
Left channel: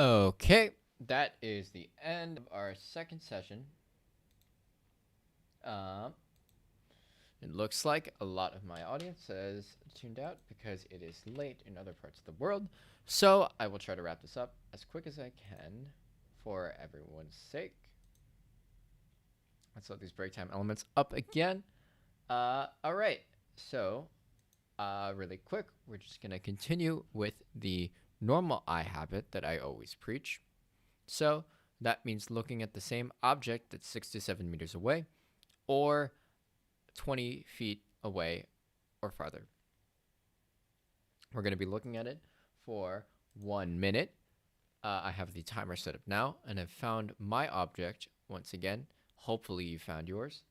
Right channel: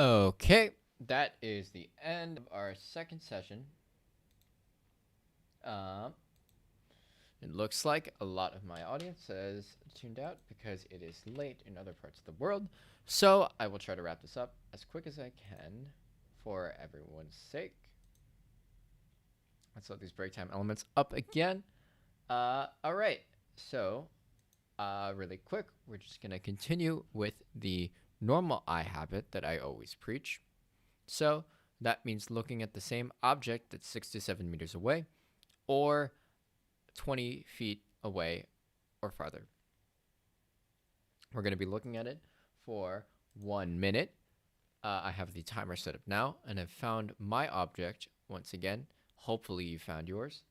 Okay, that is the end of our second session. It looks like a lot of my audience has tuned out because it is late in other parts of the world. So I will try to wrap this up as quick as I can for everyone's sake. Let's load these break time elements up again. All right, so really quick, we're just going to continue with the normal eye habit that I always preach. So that means looking at the same object that's 6 to 7 meters away or 20 feet away or farther. We're going to be looking at it for 1 minute. I have the timer set up now, and I've found my object once again. Hopefully you found yours.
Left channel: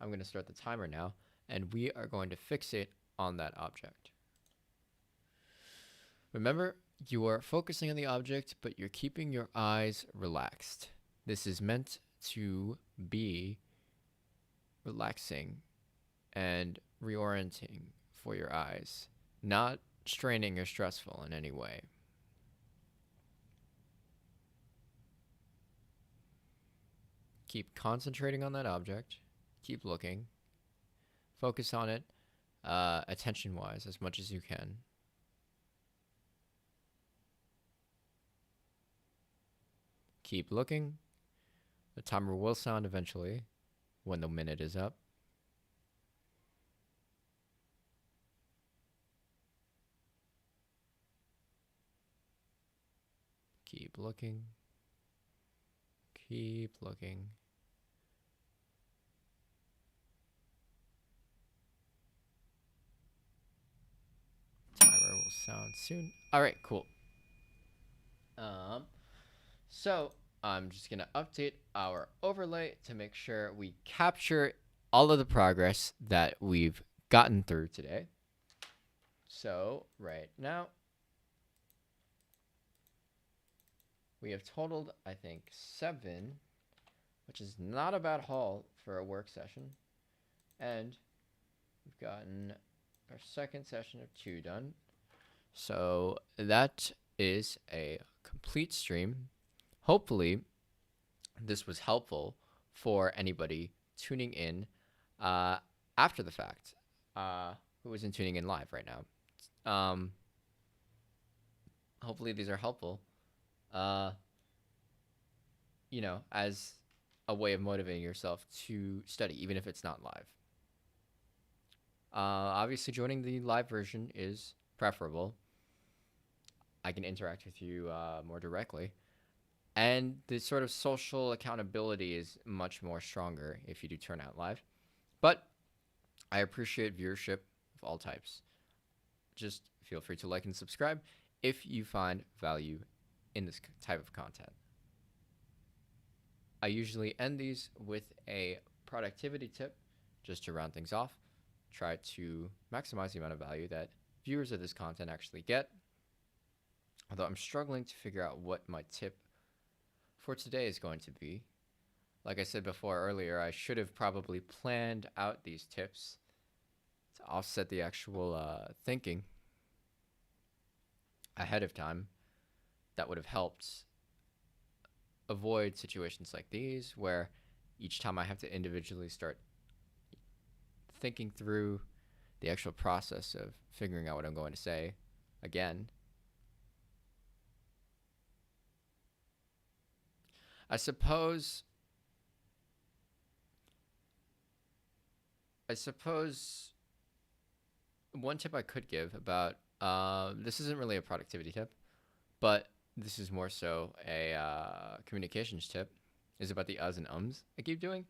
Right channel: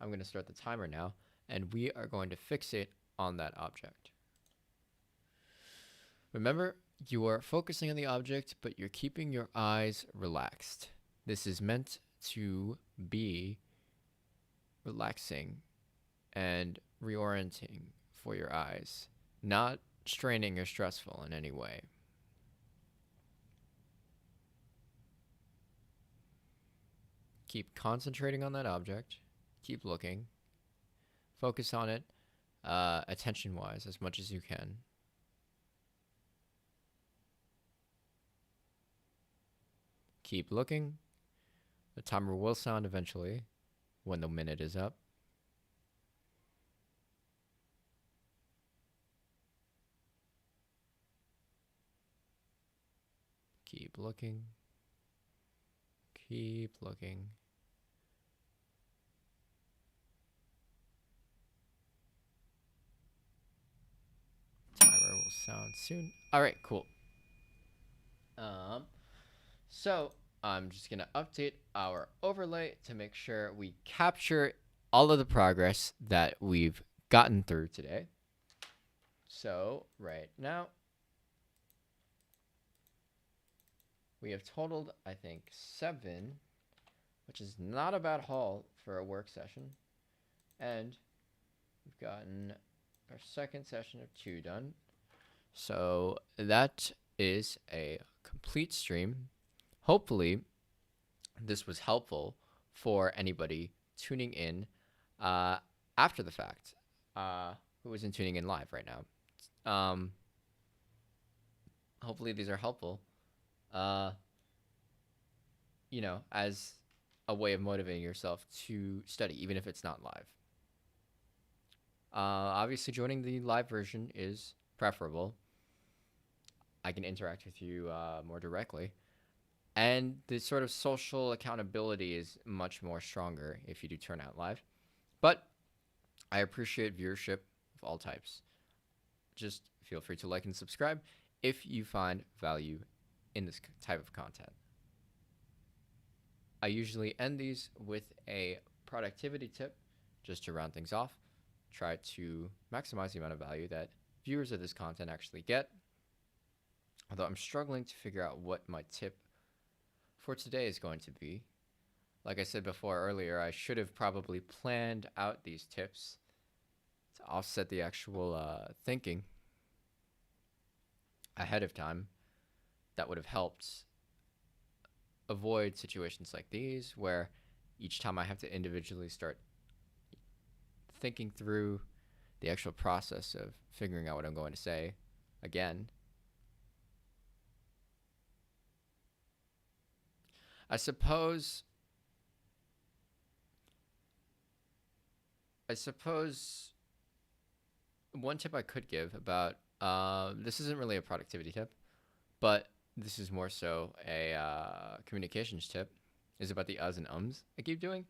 I'm going to start the timer now, and we are going to fixate on that object. Remember, you are focusing on the object, but you're keeping your eyes relaxed. This is meant to be relaxing and reorienting for your eyes, not straining or stressful in any way. Keep concentrating on that object. Keep looking. Focus on it attention-wise as much as you can. Keep looking. The timer will sound eventually when the minute is up. Keep looking. Keep looking. Timer will sound soon. All right, cool. So I'm just gonna update our overlay to make sure we capture all of the progress that we've gotten through today. So right now, we have totaled, I think, 7, which is not a bad haul for a work session. And we've gotten our second session of 2 done. So that is a complete stream. Hopefully, this was helpful for anybody tuning in after the fact, who isn't tuning in live right now. Hopefully these are helpful, as a way of motivating yourself to study, even if it's not live. Obviously, joining the live version is preferable. I can interact with you more directly. And the sort of social accountability is much more stronger if you do turn out live. But I appreciate viewership of all types. Just feel free to like and subscribe if you find value in this type of content. I usually end these with a productivity tip just to round things off. Try to maximize the amount of value that viewers of this content actually get. Although I'm struggling to figure out what my tip for today is going to be. Like I said before earlier, I should have probably planned out these tips to offset the actual thinking ahead of time. That would have helped avoid situations like these where each time I have to individually start thinking through the actual process of figuring out what I'm going to say again. I suppose one tip I could give about this isn't really a productivity tip, but this is more so a communications tip, is about the uhs and ums I keep doing.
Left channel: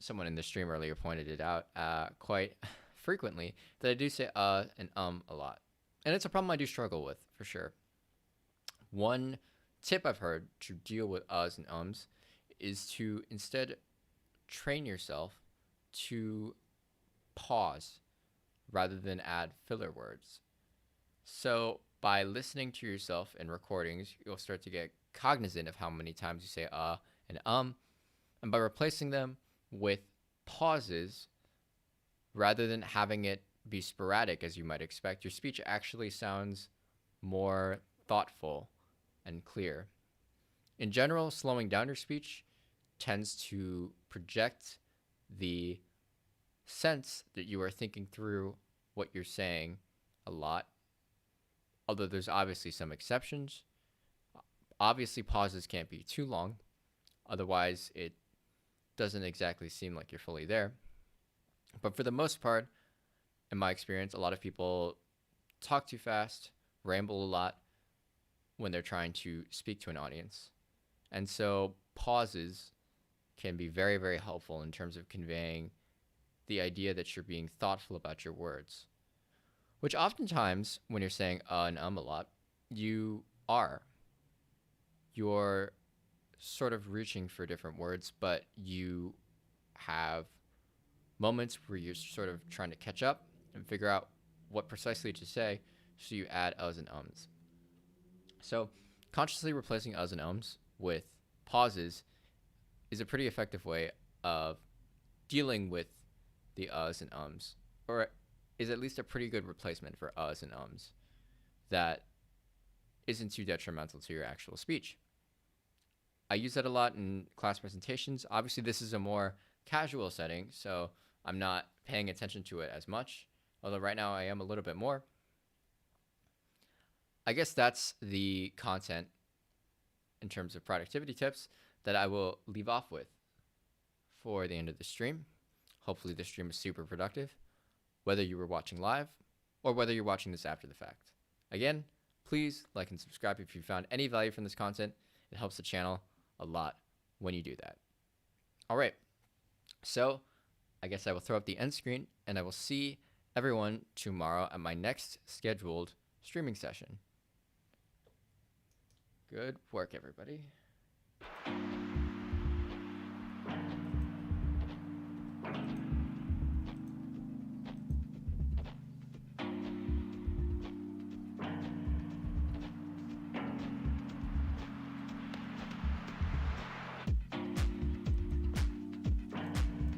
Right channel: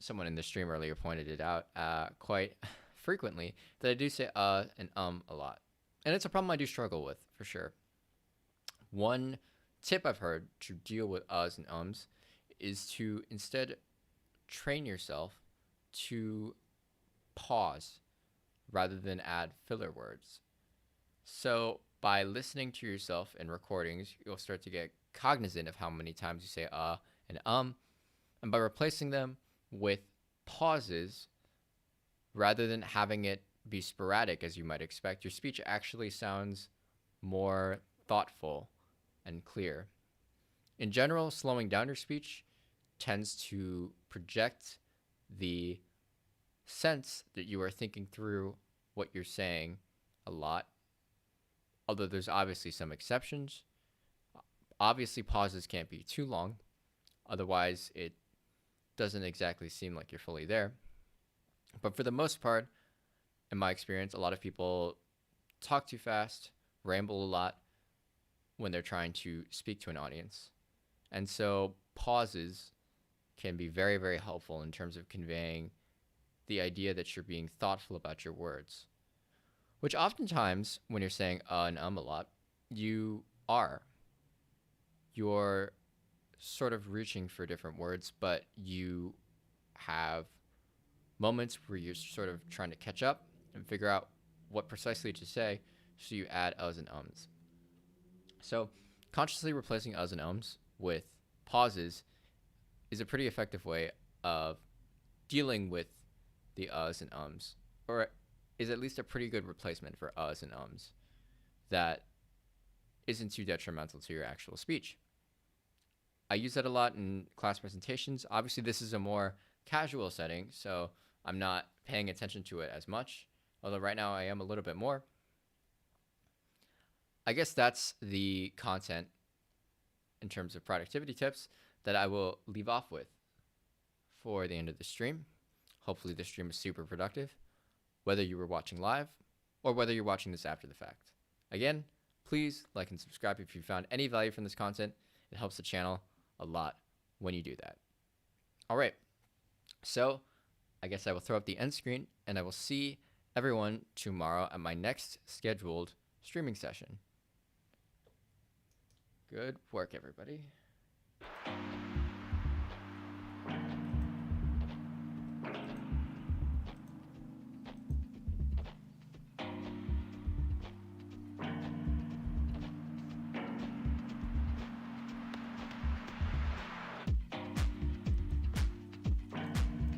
Someone in the stream earlier pointed it out quite frequently that I do say and a lot. And it's a problem I do struggle with, for sure. One tip I've heard to deal with uhs and ums is to instead train yourself to pause rather than add filler words. So by listening to yourself in recordings, you'll start to get cognizant of how many times you say and by replacing them with pauses rather than having it be sporadic as you might expect, your speech actually sounds more thoughtful and clear. In general, slowing down your speech tends to project the sense that you are thinking through what you're saying a lot, although there's obviously some exceptions. Obviously, pauses can't be too long, otherwise it doesn't exactly seem like you're fully there. But for the most part, in my experience, a lot of people talk too fast, ramble a lot when they're trying to speak to an audience. And so pauses can be very, very helpful in terms of conveying the idea that you're being thoughtful about your words, which oftentimes when you're saying and a lot, you are. You're sort of reaching for different words, but you have moments where you're sort of trying to catch up and figure out what precisely to say, so you add uhs and ums. So consciously replacing uhs and ums with pauses is a pretty effective way of dealing with the uhs and ums, or is at least a pretty good replacement for uhs and ums that isn't too detrimental to your actual speech. I use that a lot in class presentations. Obviously, this is a more casual setting, so I'm not paying attention to it as much, although right now I am a little bit more. I guess that's the content in terms of productivity tips that I will leave off with for the end of the stream. Hopefully the stream is super productive, whether you were watching live or whether you're watching this after the fact. Again, please like and subscribe if you found any value from this content. It helps the channel a lot when you do that. All right, so I guess I will throw up the end screen and I will see everyone tomorrow at my next scheduled streaming session. Good work, everybody.